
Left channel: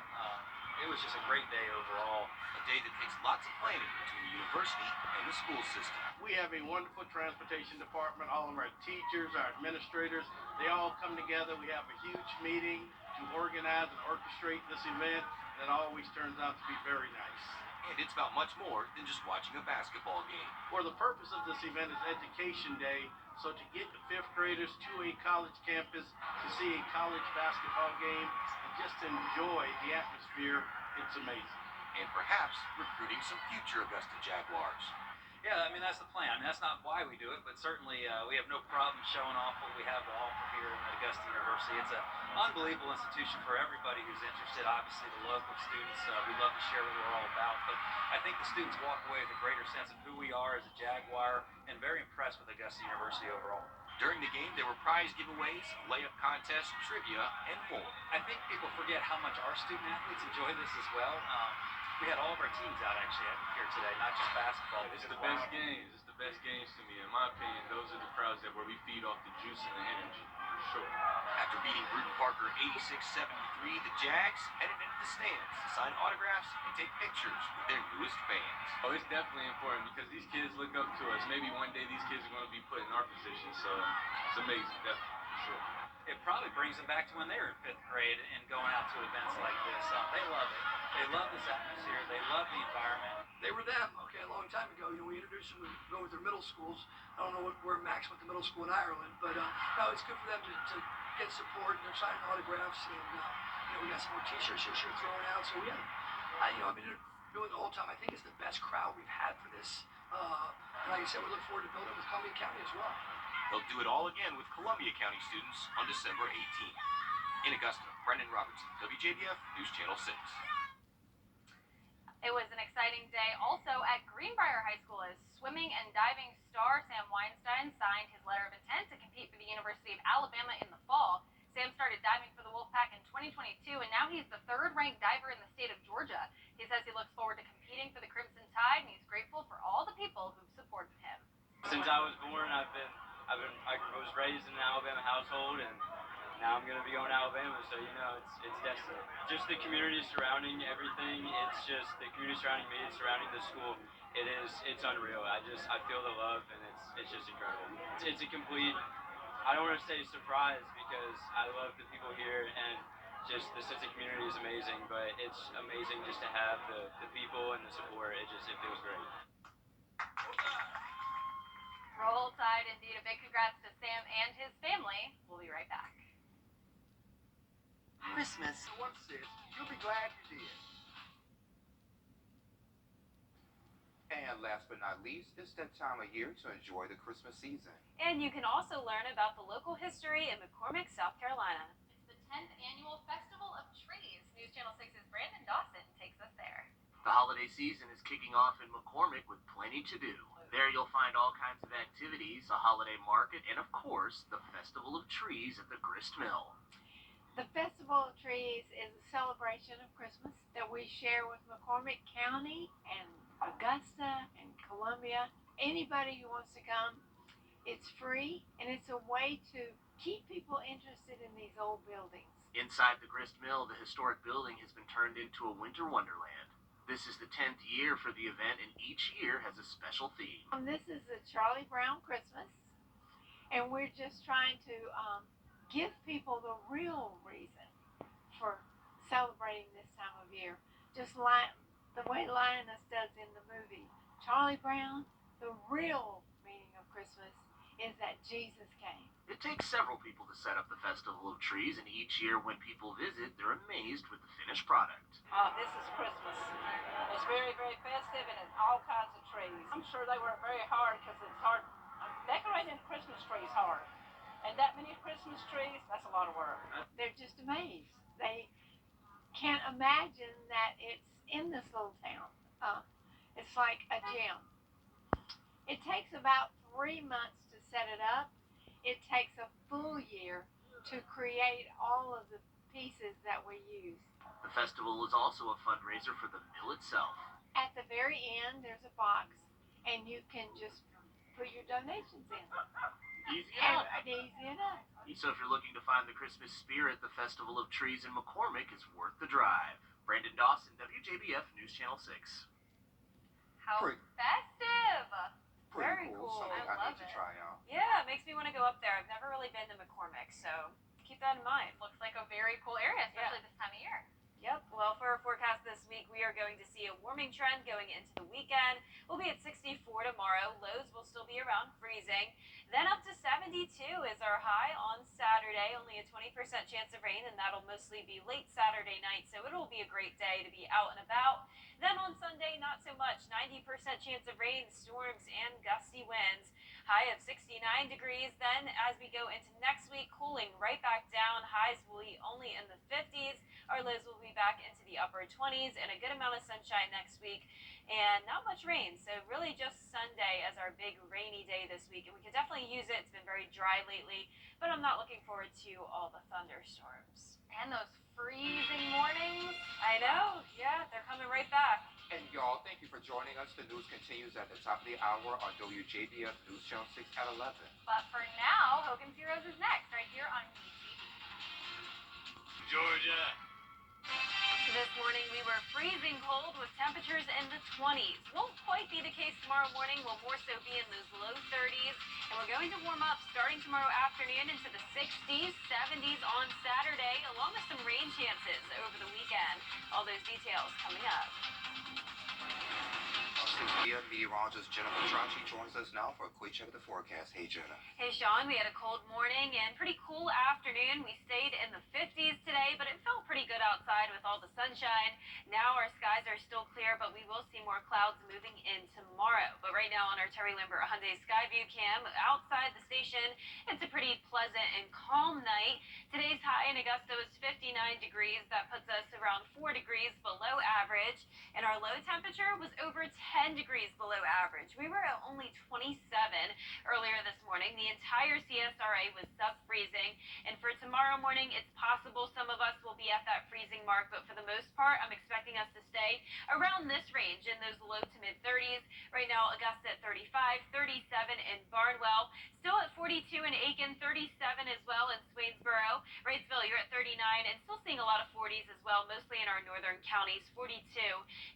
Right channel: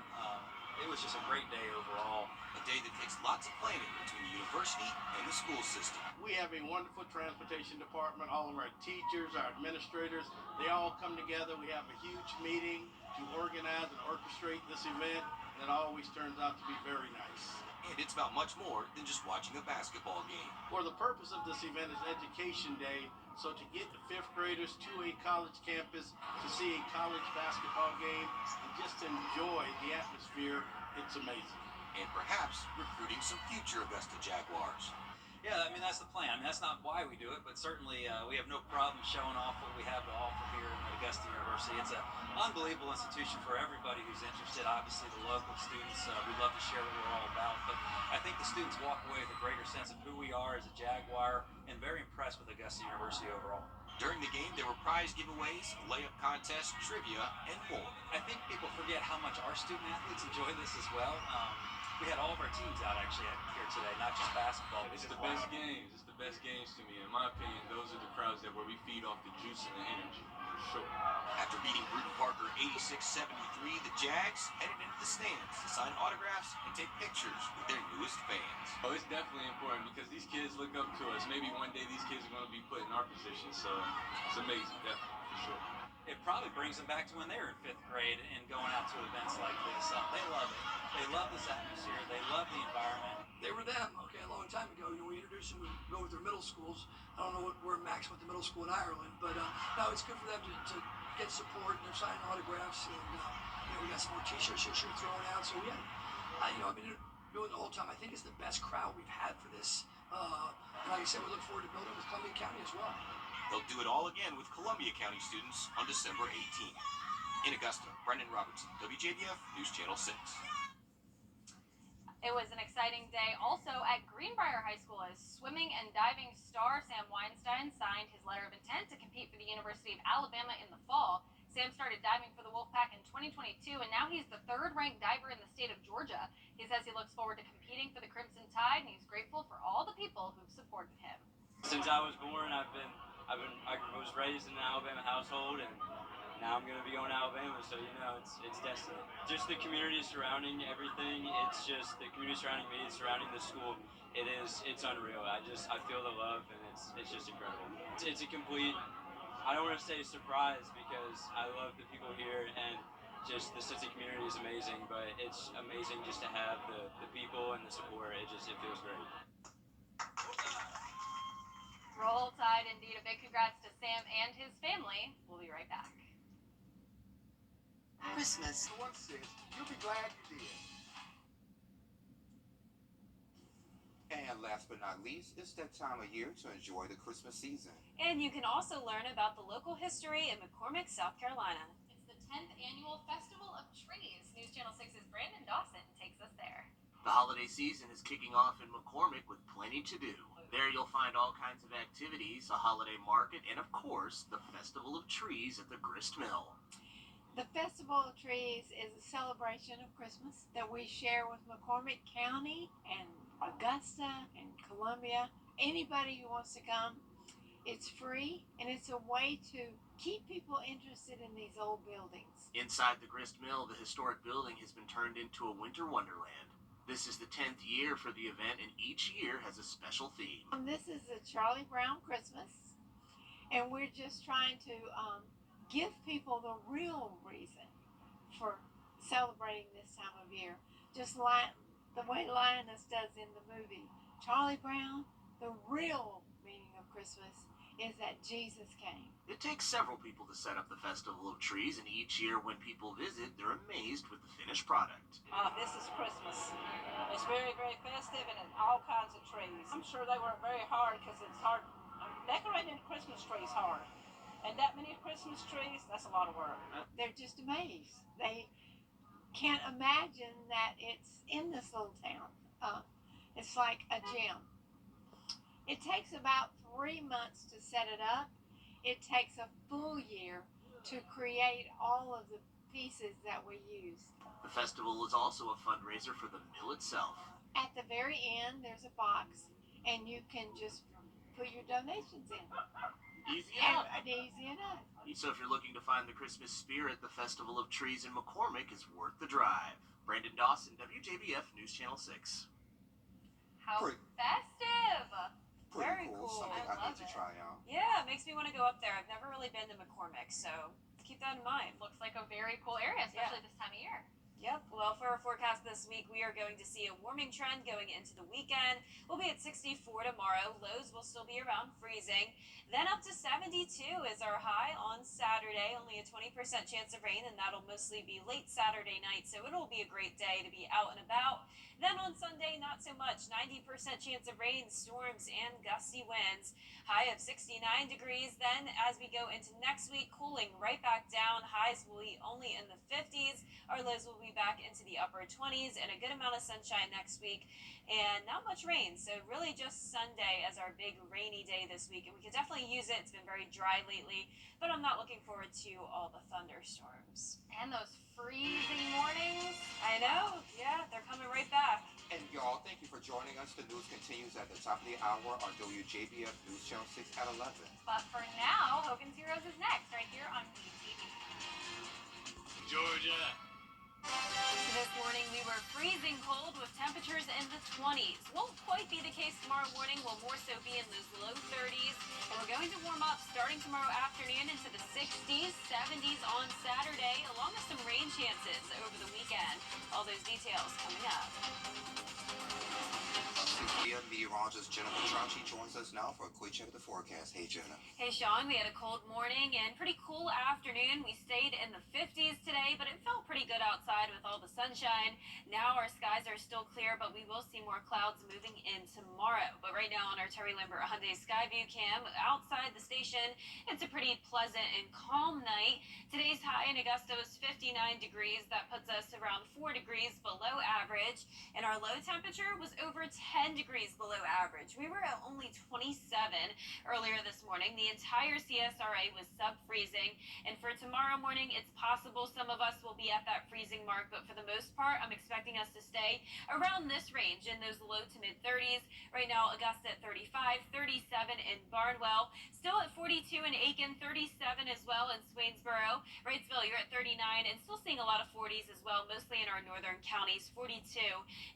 It was just a great day overall. A day that takes lots of planning between the university and the school system. We have a wonderful transportation department. All of our teachers, our administrators, they all come together. We have a huge meeting to organize and orchestrate this event that always turns out to be very nice. And it's about much more than just watching a basketball game. For the purpose of this event is Education Day, so to get the fifth graders to a college campus to see a college basketball game and just to enjoy the atmosphere, it's amazing. And perhaps recruiting some future Augusta Jaguars. Yeah, I mean, that's the plan. I mean, that's not why we do it, but certainly we have no problem showing off what we have to offer here at Augusta University. It's an unbelievable institution for everybody who's interested. Obviously, the local students, we love to share what we're all about, but I think the students walk away with a greater sense of who we are as a Jaguar and very impressed with Augusta University overall. During the game, there were prize giveaways, layup contests, trivia, and more. I think people forget how much our student athletes enjoy this as well. We had all of our teams out actually here today, not just basketball. It's the best games. It's the best games to me. In my opinion, those are the crowds where we feed off the juice and the energy, for sure. After beating Bruton Parker 86-73, the Jags headed into the stands to sign autographs and take pictures with their newest fans. Oh, it's definitely important because these kids look up to us. Maybe one day these kids are going to be put in our position, so it's amazing, definitely, for sure. it probably brings them back to when they were in 5th grade and going out to events like this. They love it. They love this atmosphere. They love the environment. They were them, okay, a long time ago. We introduced them to go with their middle schools. I don't know where Max went to middle school in Ireland, but no, it's good for them to get support and they're signing autographs. And we got some more T-shirts this year thrown out. So we have, I've been doing the whole time. I think it's the best crowd we've had for this. And like I said, we look forward to building with Columbia County as well. They'll do it all again with Columbia County students on December 18th. In Augusta, Brendan Robertson, WJBF News Channel 6. It was an exciting day also at Greenbrier High School as swimming and diving star Sam Weinstein signed his letter of intent to compete for the University of Alabama in the fall. Sam started diving for the Wolfpack in 2022, and now he's the third-ranked diver in the state of Georgia. He says he looks forward to competing for the Crimson Tide, and he's grateful for all the people who've supported him. Since I was born, I was raised in an Alabama household, and now I'm going to be going to Alabama, so it's destiny. Just the community surrounding everything. It's just the community surrounding me, surrounding the school. It's unreal. I feel the love, and it's just incredible. It's a complete, I don't want to say surprise because I love the people here, and just the sense of community is amazing. But it's amazing just to have the people and the support. It feels great. Roll Tide, indeed. A big congrats to Sam and his family. We'll be right back. Christmas. For one sense, you'll be glad you did. And last but not least, it's that time of year to enjoy the Christmas season. And you can also learn about the local history in McCormick, South Carolina. It's the 10th annual Festival of Trees. News Channel 6's Brandon Dawson takes us there. The holiday season is kicking off in McCormick with plenty to do. There you'll find all kinds of activities, a holiday market, and of course, the Festival of Trees at the Grist Mill. The Festival of Trees is a celebration of Christmas that we share with McCormick County and Augusta and Columbia. Anybody who wants to come, it's free, and it's a way to keep people interested in these old buildings. Inside the Grist Mill, the historic building has been turned into a winter wonderland. This is the 10th year for the event, and each year has a special theme. This is the Charlie Brown Christmas, and we're just trying to give people the real reason for celebrating this time of year. Just like the way Lioness does in the movie. Charlie Brown, the real meaning of Christmas is that Jesus came. It takes several people to set up the Festival of Trees, and each year when people visit, they're amazed with the finished product. This is Christmas. It's very, very festive and it's all kinds of trees. I'm sure they work very hard because it's hard. Decorating a Christmas tree is hard. And that many Christmas trees, that's a lot of work. They're just amazed. They can't imagine that it's in this little town. It's like a gem. It takes about 3 months to set it up. It takes a full year to create all of the pieces that we use. The festival is also a fundraiser for the mill itself. At the very end, there's a box, and you can just put your donations in. Easy enough. Easy enough. So if you're looking to find the Christmas spirit, the Festival of Trees in McCormick is worth the drive. Brandon Dawson, WJBF News Channel 6. How festive! Pretty Very cool. cool. Something I need to try out. Yeah, it makes me want to go up there. I've never really been to McCormick, so keep that in mind. Looks like a very cool area, especially this time of year. Yep. Well, for our forecast this week, we are going to see a warming trend going into the weekend. We'll be at 64 tomorrow. Lows will still be around freezing. Then up to 72 is our high on Saturday. Only a 20% chance of rain, and that'll mostly be late Saturday night. So it'll be a great day to be out and about. Then on Sunday, not so much. 90% chance of rain, storms, and gusty winds. High of 69 degrees. Then as we go into next week, cooling right back down. Highs will be only in the 50s. Our lows will be back into the upper 20s and a good amount of sunshine next week. And not much rain. So really just Sunday as our big rainy day this week. And we could definitely use it. It's been very dry lately. But I'm not looking forward to all the thunderstorms. And those freezing mornings. I know. Yeah, they're coming right back. And y'all, thank you for joining us. The news continues at the top of the hour on WJBF News Channel 6 at 11. But for now, Hogan's Heroes is next right here on WTV. Georgia. So this morning, we were freezing cold with temperatures in the 20s. Won't quite be the case tomorrow morning. We'll more so be in those low 30s. And we're going to warm up starting tomorrow afternoon into the 60s, 70s on Saturday, along with some rain chances over the weekend. All those details coming up. Meteorologist Jenna Petracci joins us now for a quick check of the forecast. Hey, Jenna. Hey, Sean. We had a cold morning and pretty cool afternoon. We stayed in the 50s today, but it felt pretty good outside with all the sunshine. Now our skies are still clear, but we will see more clouds moving in tomorrow. But right now on our Terry Lambert Hyundai Skyview cam outside the station, it's a pretty pleasant and calm night. Today's high in Augusta was 59 degrees. That puts us around 4 degrees below average. And our low temperature was over 10 degrees below average. We were at only 27 earlier this morning. The entire CSRA was sub-freezing. And for tomorrow morning, it's possible some of us will be at that freezing mark. But for the most part, I'm expecting us to stay around this range in those low to mid 30s. Right now, Augusta at 35, 37 in Barnwell. Still at 42 in Aiken, 37 as well in Swainsboro. Wrightsville, you're at 39 and still seeing a lot of 40s as well, mostly in our northern counties, 42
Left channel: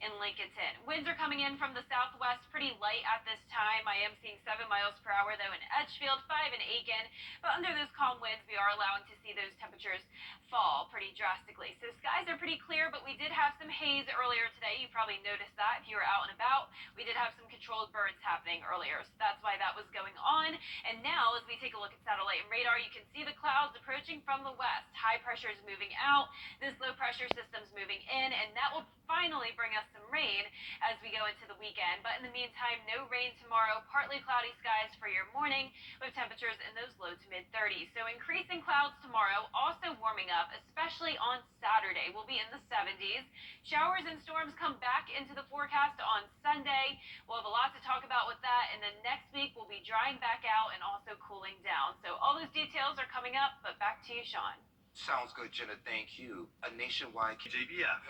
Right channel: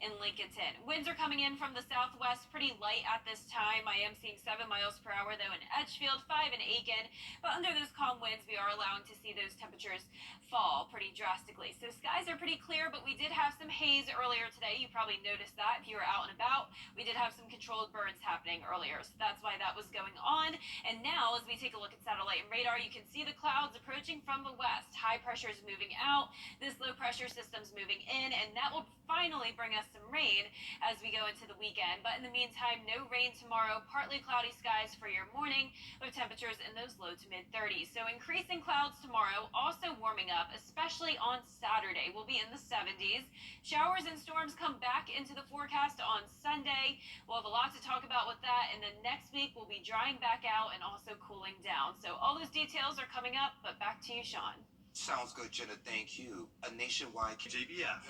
in Lincolnton. Winds are coming in from the southwest pretty light at this time. I am seeing 7 miles per hour though in Edgefield, 5 in Aiken. But under those calm winds, we are allowing to see those temperatures fall pretty drastically. So skies are pretty clear, but we did have some haze earlier today. You probably noticed that if you were out and about. We did have some controlled burns happening earlier, so that's why that was going on. And now, as we take a look at satellite and radar, you can see the clouds approaching from the west. High pressure is moving out. This low pressure system's moving in, and that will finally bring us some rain as we go into the weekend. But in the meantime, no rain tomorrow. Partly cloudy skies for your morning with temperatures in those low to mid 30s. So increasing clouds tomorrow, also warming up, especially on Saturday. We'll be in the 70s. Showers and storms come back into the forecast on Sunday. We'll have a lot to talk about with that. And then next week, we'll be drying back out and also cooling down. So all those details are coming up, but back to you, Sean. Sounds good, Jenna. Thank you. A nationwide WJBF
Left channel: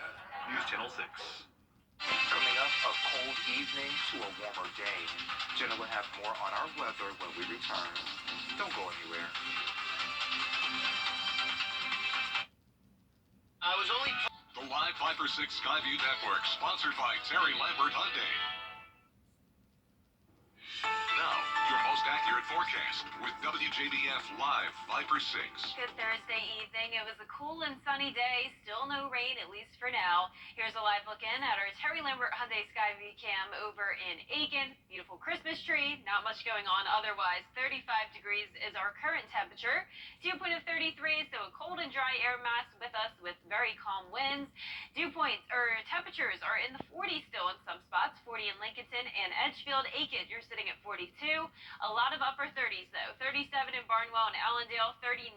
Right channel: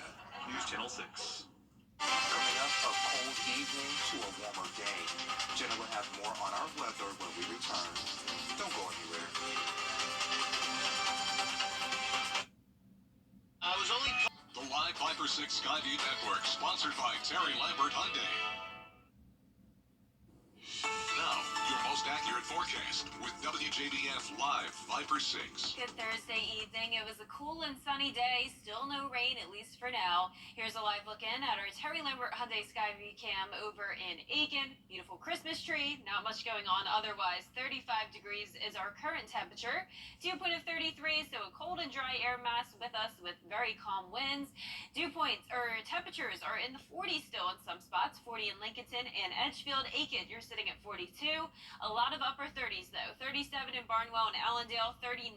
News Channel 6. Coming up, a cold evening to a warmer day. Jenna will have more on our weather when we return. Don't go anywhere. The Live Viper 6 Skyview Network, sponsored by Terry Lambert Hyundai. Now, your most accurate forecast with WJBF Live Viper 6. Good Thursday evening. It was a cool and sunny day. Still no rain, at least for now. Here's a live look in at our Terry Lambert Hyundai Skyview cam over in Aiken. Beautiful Christmas tree. Not much going on otherwise. 35 degrees is our current temperature. Dew point of 33, so a cold and dry air mass with us with very calm winds. Dew points or temperatures are in the 40s still in some spots. 40 in Lincolnton and Edgefield. Aiken, you're sitting at 42. A lot of upper 30s though. 37 in Barnwell and Allendale. 39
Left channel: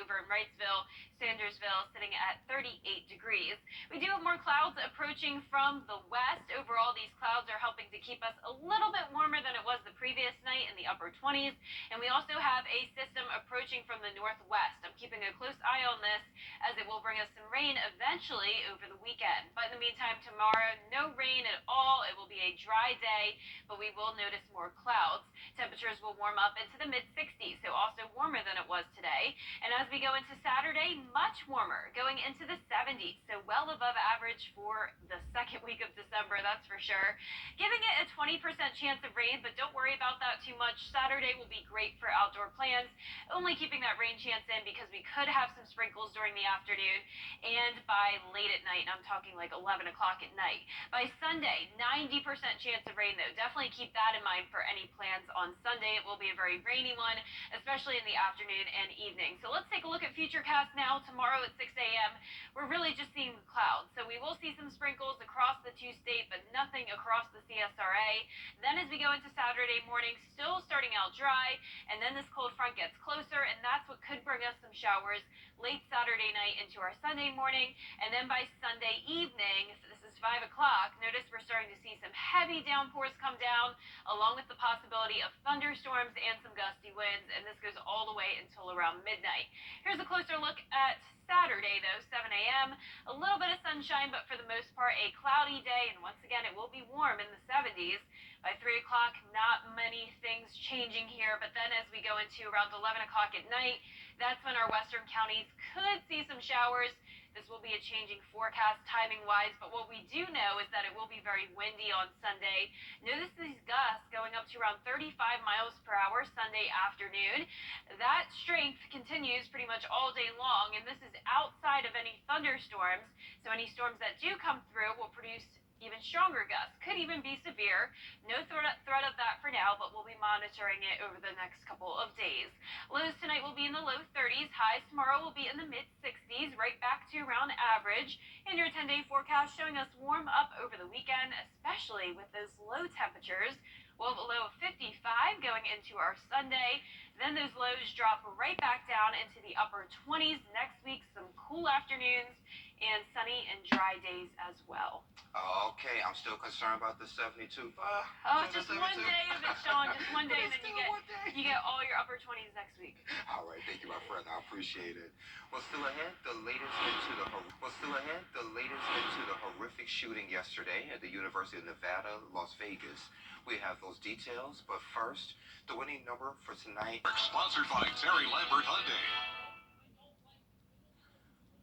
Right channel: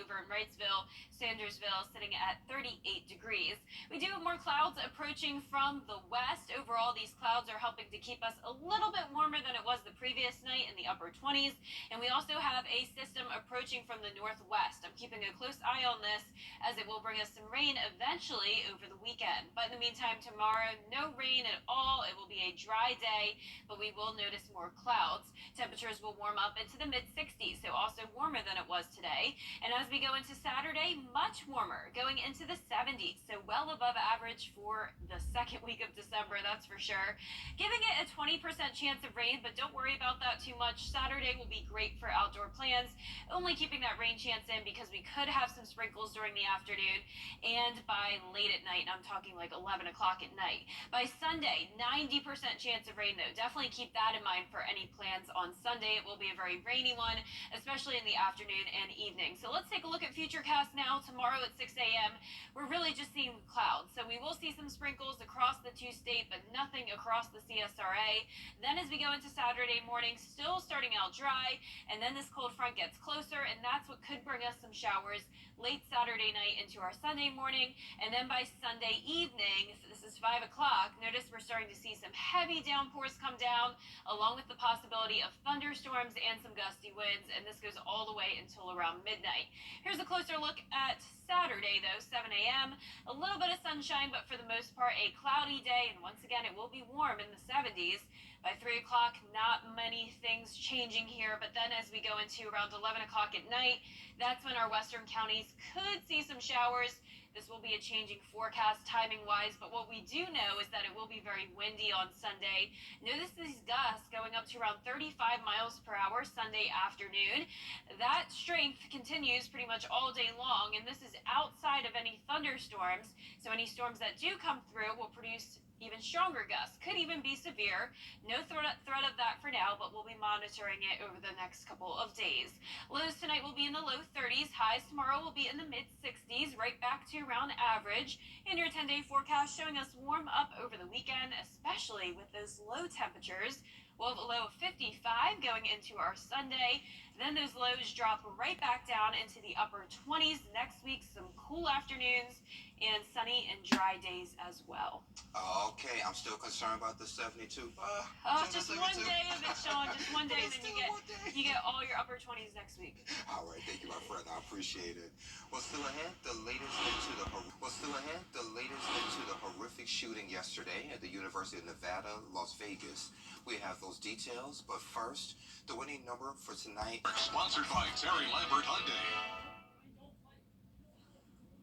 over in Wrightsville. Sandersville sitting at 38 degrees. We do have more clouds approaching from the west. Overall, these clouds are helping to keep us a little bit warmer than it was the previous night in the upper 20s. And we also have a system approaching from the northwest. I'm keeping a close eye on this as it will bring us some rain eventually over the weekend. But in the meantime, tomorrow, no rain at all. It will be a dry day, but we will notice more clouds. Temperatures will warm up into the mid 60s, so also warmer than it was today. And as we go into Saturday, much warmer, going into the 70s, so well above average for the second week of December, that's for sure. Giving it a 20% chance of rain, but don't worry about that too much. Saturday will be great for outdoor plans, only keeping that rain chance in because we could have some sprinkles during the afternoon and by late at night, and I'm talking like 11 o'clock at night. By Sunday, 90% chance of rain though. Definitely keep that in mind for any plans on Sunday. It will be a very rainy one, especially in the afternoon and evening. So let's take a look at Futurecast now. Tomorrow at 6 a.m., we're really just seeing clouds. So we will see some sprinkles across the two-state, but nothing across the CSRA. Then as we go into Saturday morning, still starting out dry, and then this cold front gets closer, and that's what could bring us some showers late Saturday night into our Sunday morning. And then by Sunday evening, this is 5 o'clock, notice we're starting to see some heavy downpours come down, along with the possibility of thunderstorms and some gusty winds, and this goes all the way until around midnight. Here's a closer look at Saturday, though, 7 a.m. A little bit of sunshine, but for the most part, a cloudy day, and once again, it will be warm in the 70s. By 3 o'clock, not many things changing here, but then as we go into around 11 o'clock at night, that's when our western counties could see some showers. This will be a changing forecast timing-wise, but what we do know is that it will be very windy on Sunday. Notice these gusts going up to around 35 miles per hour Sunday afternoon. That strength continues pretty much all day long, and this is outside of any thunderstorms. So any storms that do come through will produce even stronger gusts, could even be severe. No threat of that for now, but we'll be monitoring it over the next couple of days. Lows tonight will be in the low 30s. Highs tomorrow will be in the mid 60s, right back to around average. And your 10-day forecast showing us warm up over the weekend, especially with those low temperatures. We'll have a low of 55 going into our Sunday. Then those lows drop right back down into the upper 20s next week. Some cool afternoons and sunny and dry days as well. Okay, I'm still concerned about the 72. Just one day of it, Sean. Just one day, and then you get all your upper 20s next week. All right, thank you, my friend. I appreciate it. Well, still ahead, the latest into the horrific shooting yesterday at the University of Nevada, Las Vegas. We have those details, but first, the winning number for tonight. Sponsored by Terry Lambert Hyundai.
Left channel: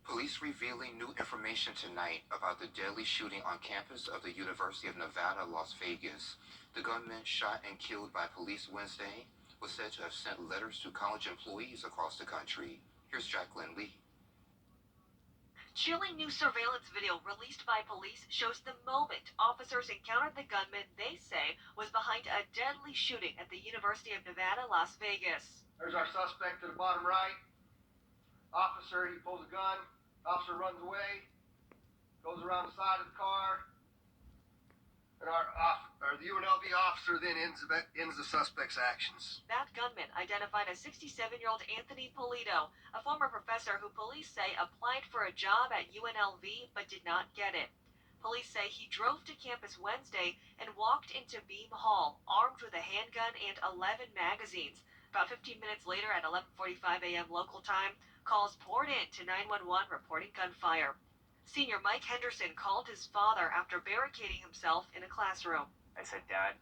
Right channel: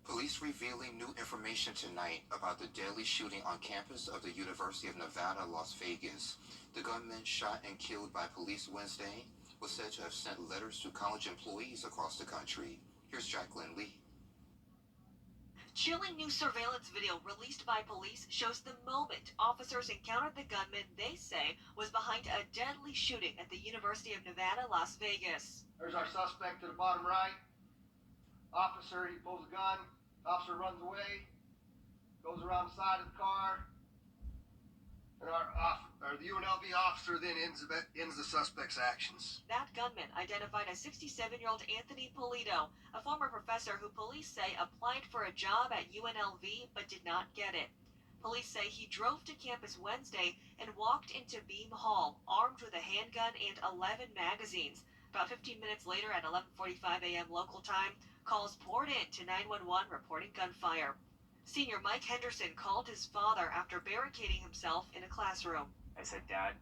Police revealing new information tonight about the deadly shooting on campus of the University of Nevada, Las Vegas. The gunman shot and killed by police Wednesday was said to have sent letters to college employees across the country. Here's Jacqueline Lee. Chilling new surveillance video released by police shows the moment officers encountered the gunman they say was behind a deadly shooting at the University of Nevada, Las Vegas. There's our suspect to the bottom right. Officer, he pulls a gun. Officer runs away, goes around the side of the car, and the UNLV officer then ends the suspect's actions. That gunman identified as 67-year-old Anthony Polito, a former professor who police say applied for a job at UNLV but did not get it. Police say he drove to campus Wednesday and walked into Beam Hall armed with a handgun and 11 magazines. About 15 minutes later at 11:45 a.m. local time, calls poured in to 911 reporting gunfire. Senior Mike Henderson called his father after barricading himself in a classroom. I said, Dad,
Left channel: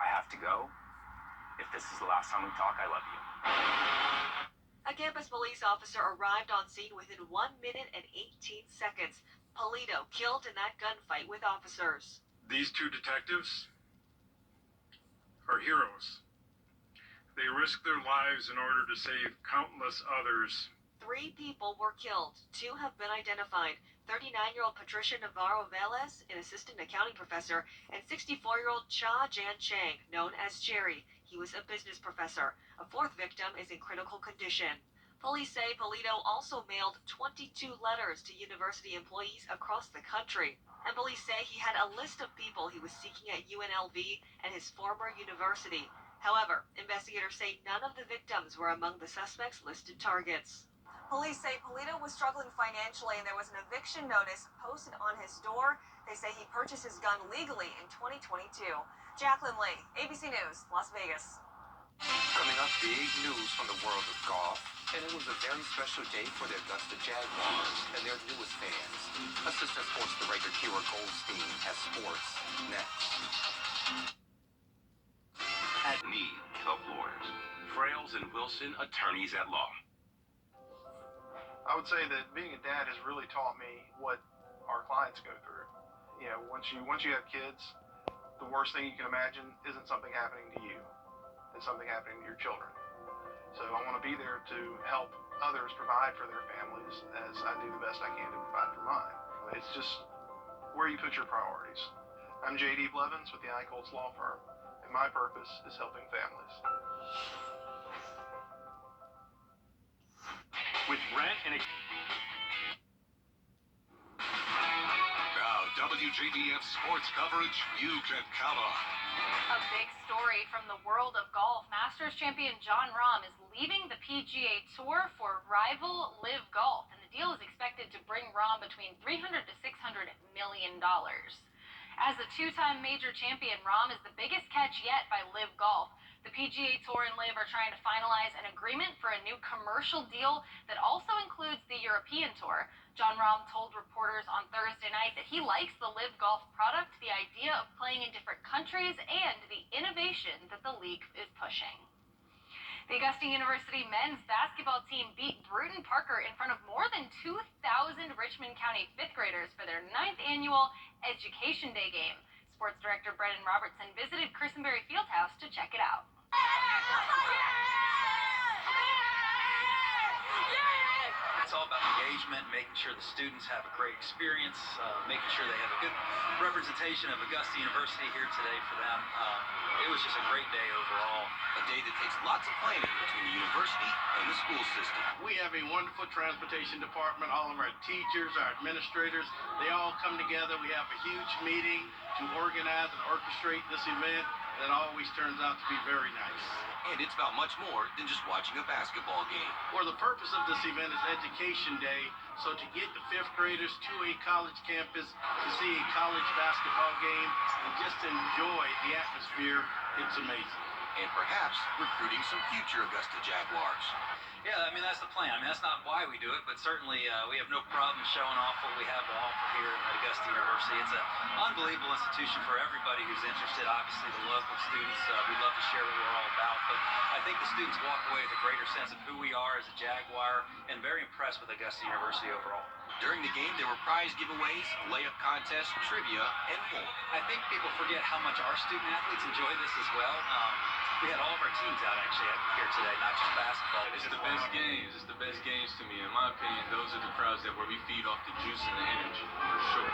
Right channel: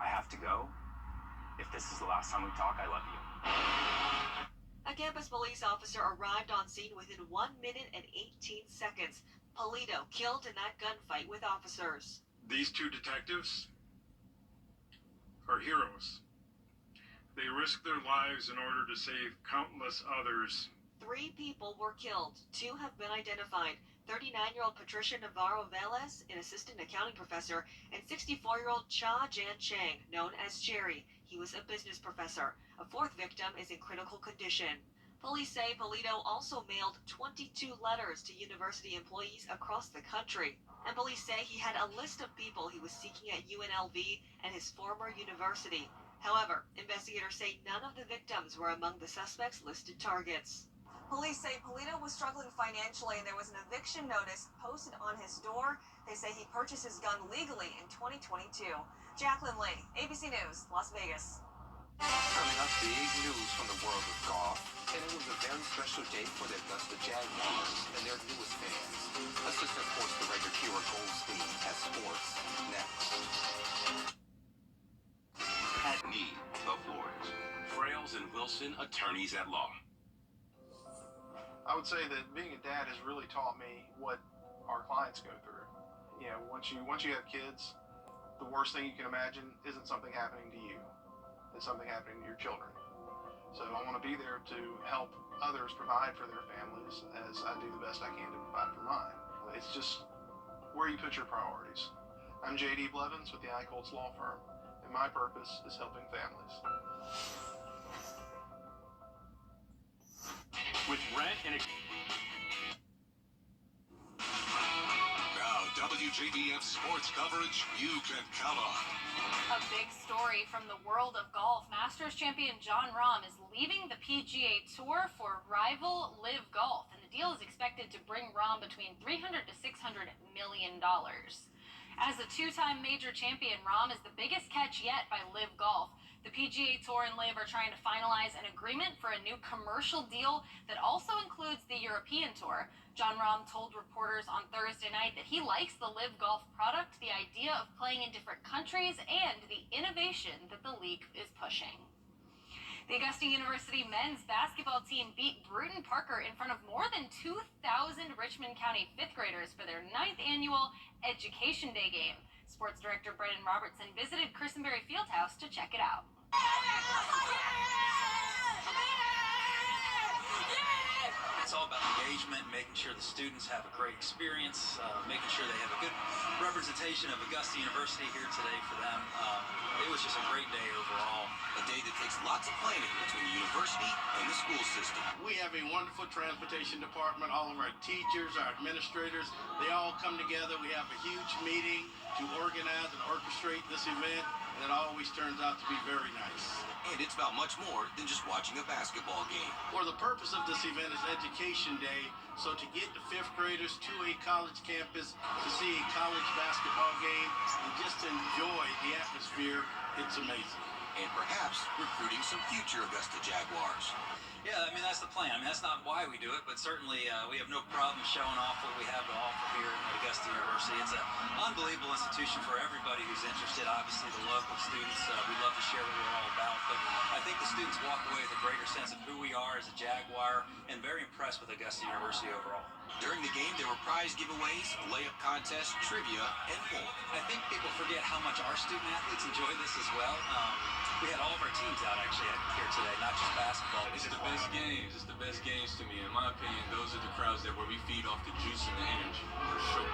I have to go. If this is the last time we talk, I love you. A campus police officer arrived on scene within 1 minute and 18 seconds. Polito killed in that gunfight with officers. These two detectives are heroes. They risked their lives in order to save countless others. 3 people were killed. 2 have been identified. 39-year-old Patricia Navarro-Velez, an assistant accounting professor, and 64-year-old Cha Jan Chang, known as Jerry. He was a business professor. A 4th victim is in critical condition. Police say Polito also mailed 22 letters to university employees across the country. And police say he had a list of people he was seeking at UNLV and his former university. However, investigators say none of the victims were among the suspect's listed targets. Police say Polito was struggling financially and there was an eviction notice posted on his door. They say he purchased his gun legally in 2022. Jacqueline Lee, ABC News, Las Vegas. Coming up, big news from the world of golf. And it was a very special day for the Augusta Jaguars and their newest fans. Assistant Sports Director Kira Goldstein has sports next. At Need of Lawyers. Frales and Wilson, attorneys at law. I would say that being a dad has really taught me what our clients go through. You know, once you have kids, the worst thing you can imagine isn't something happening to you. It's something happening to your children. So I want to be there to help others provide for their families as I do the best I can to provide for mine. It's just where you put your priorities. I'm J.D. Blevins with the Eichholz Law Firm, and my purpose is helping families. With rent and now WJBF sports coverage you can count on. A big story from the world of golf. Masters champion Jon Rahm is leaving the PGA Tour for rival Live Golf, and the deal is expected to bring Rahm between $300 to $600 million. As a 2-time major champion, Rahm is the biggest catch yet by Live Golf. The PGA Tour and Live are trying to finalize an agreement for a new commercial deal that also includes the European Tour. Jon Rahm told reporters on Thursday night that he likes the Live Golf product, the idea of playing in different countries, and the innovation that the league is pushing. The Augusta University men's basketball team beat Bruton Parker in front of more than 2,000 Richmond County fifth graders for their 9th annual Education Day game. Sports Director Brendan Robertson visited Christenberry Fieldhouse to check it out. It's all about engagement, making sure the students have a great experience, making sure they have a good representation of Augusta University here today for them. It was just a great day overall. A day that takes lots of planning between the university and the school system. We have a wonderful transportation department. All of our teachers, our administrators, they all come together. We have a huge meeting to organize and orchestrate this event that always turns out to be very nice. And it's about much more than just watching a basketball game. Well, the purpose of this event is Education Day. So to get the fifth graders to a college campus to see a college basketball game and just enjoy the atmosphere, it's amazing. And perhaps recruiting some future Augusta Jaguars. Yeah, I mean, that's the plan. I mean, that's not why we do it, but certainly we have no problem showing off what we have to offer here at Augusta University. It's an unbelievable institution for everybody who's interested. Obviously, the local students, we love to share what we're all about, but I think the students walk away with a greater sense of who we are as a Jaguar and very impressed with Augusta University overall. During the game, there were prize giveaways, layup contests, trivia, and more. I think people forget how much our student athletes enjoy this as well. We had all of our teams out actually here today, not just basketball. It's the best games. It's the best games to me. In my opinion, those are the crowds that where we feed off the juice and the energy, for sure.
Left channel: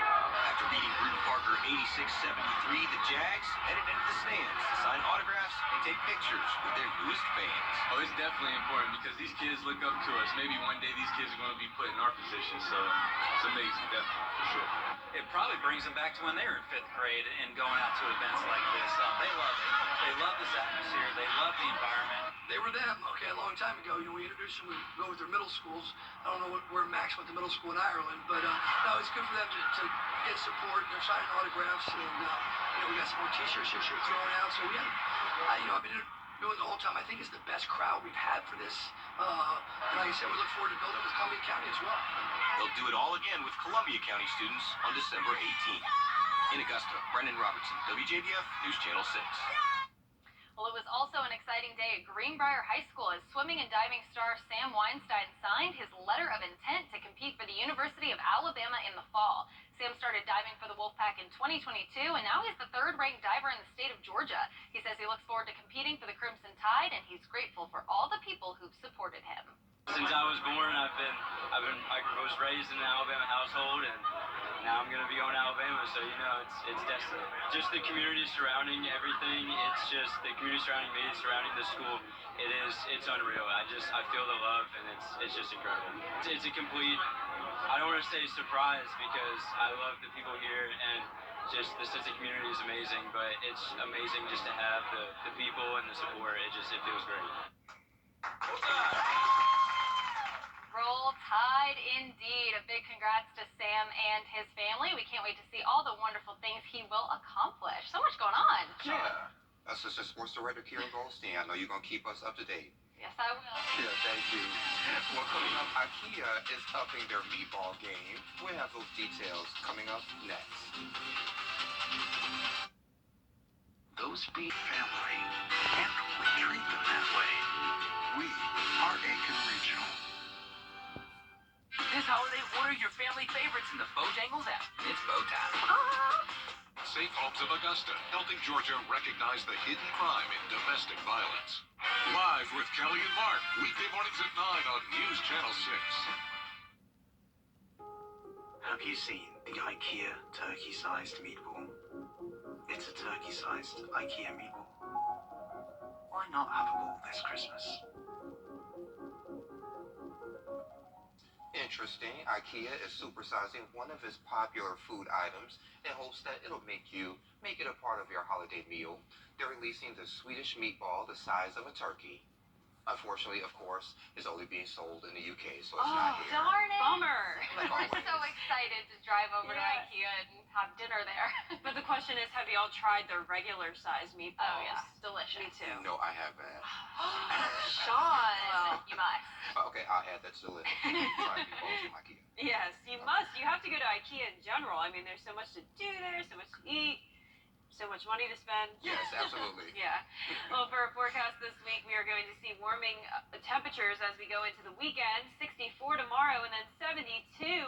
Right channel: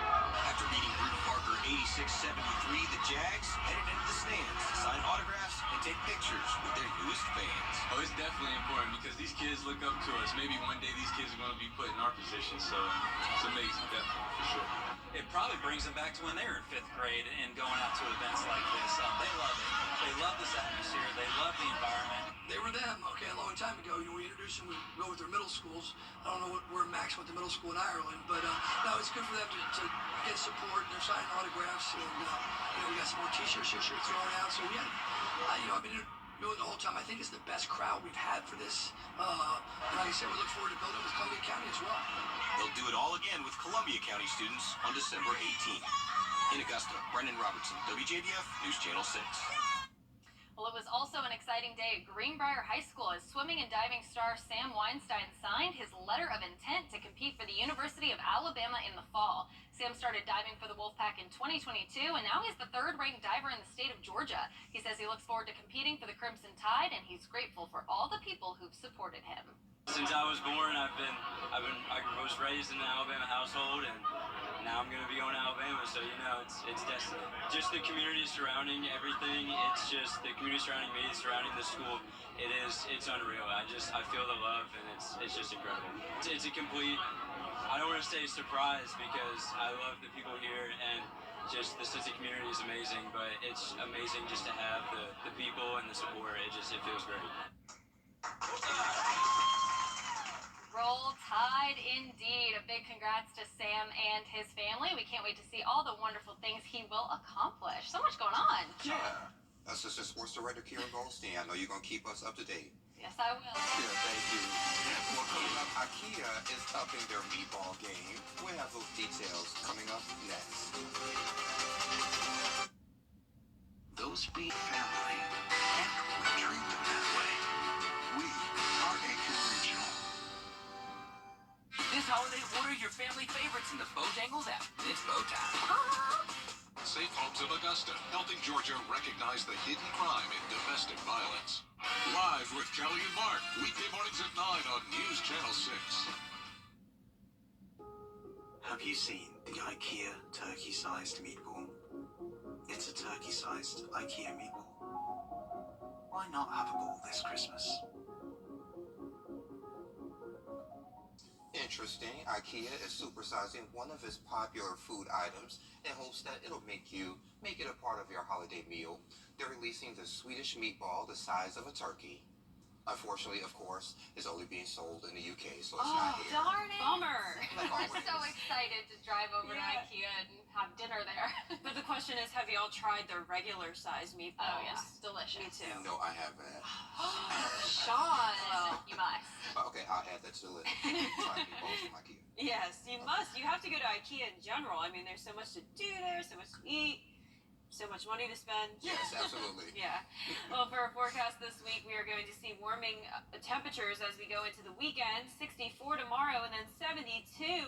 After beating Bruton Parker 86-73, the Jags headed into the stands to sign autographs and take pictures with their newest fans. Oh, it's definitely important because these kids look up to us. Maybe one day these kids are going to be put in our position, so it's amazing, definitely, for sure. It probably brings them back to when they were in 5th grade and going out to events like this. They love it. They love this atmosphere. They love the environment. They were them, okay, a long time ago. We introduced them, we go with their middle schools. I don't know where Max went to middle school in Ireland, but no, it's good for them to get support and they're signing autographs. And, we got some more t-shirts here thrown out. So, yeah, I've been doing it the whole time. I think it's the best crowd we've had for this. And like I said, we look forward to building with Columbia County as well. They'll do it all again with Columbia County students on December 18th. In Augusta, Brendan Robertson, WJBF News Channel 6. Well, it was also an exciting day at Greenbrier High School as swimming and diving star Sam Weinstein signed his letter of intent to compete for the University of Alabama in the fall. Sam started diving for the Wolfpack in 2022, and now he's the 3rd-ranked diver in the state of Georgia. He says he looks forward to competing for the Crimson Tide, and he's grateful for all the people who've supported him. Since I was born, I was raised in an Alabama household, and now I'm gonna be going to Alabama, so it's destiny. Just the community surrounding everything. It's just the community surrounding me, surrounding the school. It's unreal. I feel the love, and it's just incredible. It's a complete. I don't want to say surprise because I love the people here, and just the sense of community is amazing. But it's amazing just to have the people and the support. It feels great. Roll Tide indeed. A big congrats to Sam and his family. We can't wait to see all the wonderful things he will accomplish. So much going on. Yeah. Assistant Sports Director Kira Goldstein, I know you're going to keep us up to date. Yes, I will. Yeah, thank you. Well, coming up, IKEA is upping their meatball game. We'll have those details coming up next. Those be family, and we treat them that way. We are Aiken Regional. This holiday, order your family favorites in the Bojangles app. It's bow time. Safe Homes of Augusta, helping Georgia recognize the hidden crime in domestic violence. Live with Kelly and Mark, weekday mornings at 9 on News Channel 6. Have you seen the IKEA turkey-sized meatball? It's a turkey-sized IKEA meatball. Why not have a ball this Christmas? Interesting. IKEA is supersizing one of its popular food items in hopes that it'll make it a part of your holiday meal. They're releasing the Swedish meatball the size of a turkey. Unfortunately, of course, it's only being sold in the UK, so it's not here. Darn it. Bummer. Like We're always. so excited to drive over to IKEA and have dinner there. But the question is, have y'all tried their regular size meatballs? Oh, yeah. Delicious. Me too. No, I haven't. Sean. Well, you must. Okay, I'll add that to the list. Try meatballs from IKEA. Yes, you must. You have to go to IKEA in general. I mean, there's so much to do there, so much to eat. So much money to spend. Yes, absolutely. Yeah. Well, for our forecast this week, we are going to see warming temperatures as we go into the weekend. 64 tomorrow and then 72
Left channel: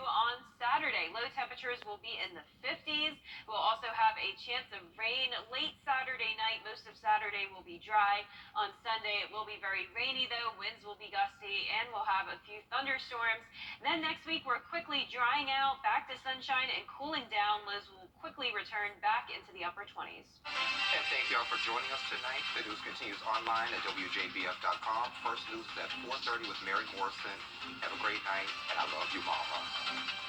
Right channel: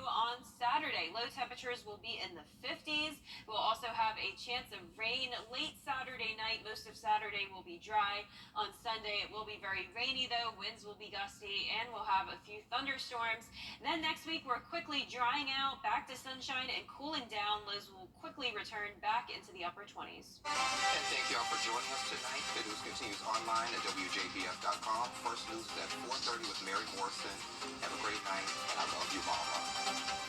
on Saturday. Low temperatures will be in the 50s. We'll also have a chance of rain late Saturday night. Most of Saturday will be dry. On Sunday, it will be very rainy, though. Winds will be gusty, and we'll have a few thunderstorms. Then next week, we're quickly drying out, back to sunshine and cooling down. Lows will quickly return back into the upper 20s. And thank y'all for joining us tonight. The news continues online at WJBF.com. First news is at 4:30 with Mary Morrison. Have a great night, and I love you, Mama.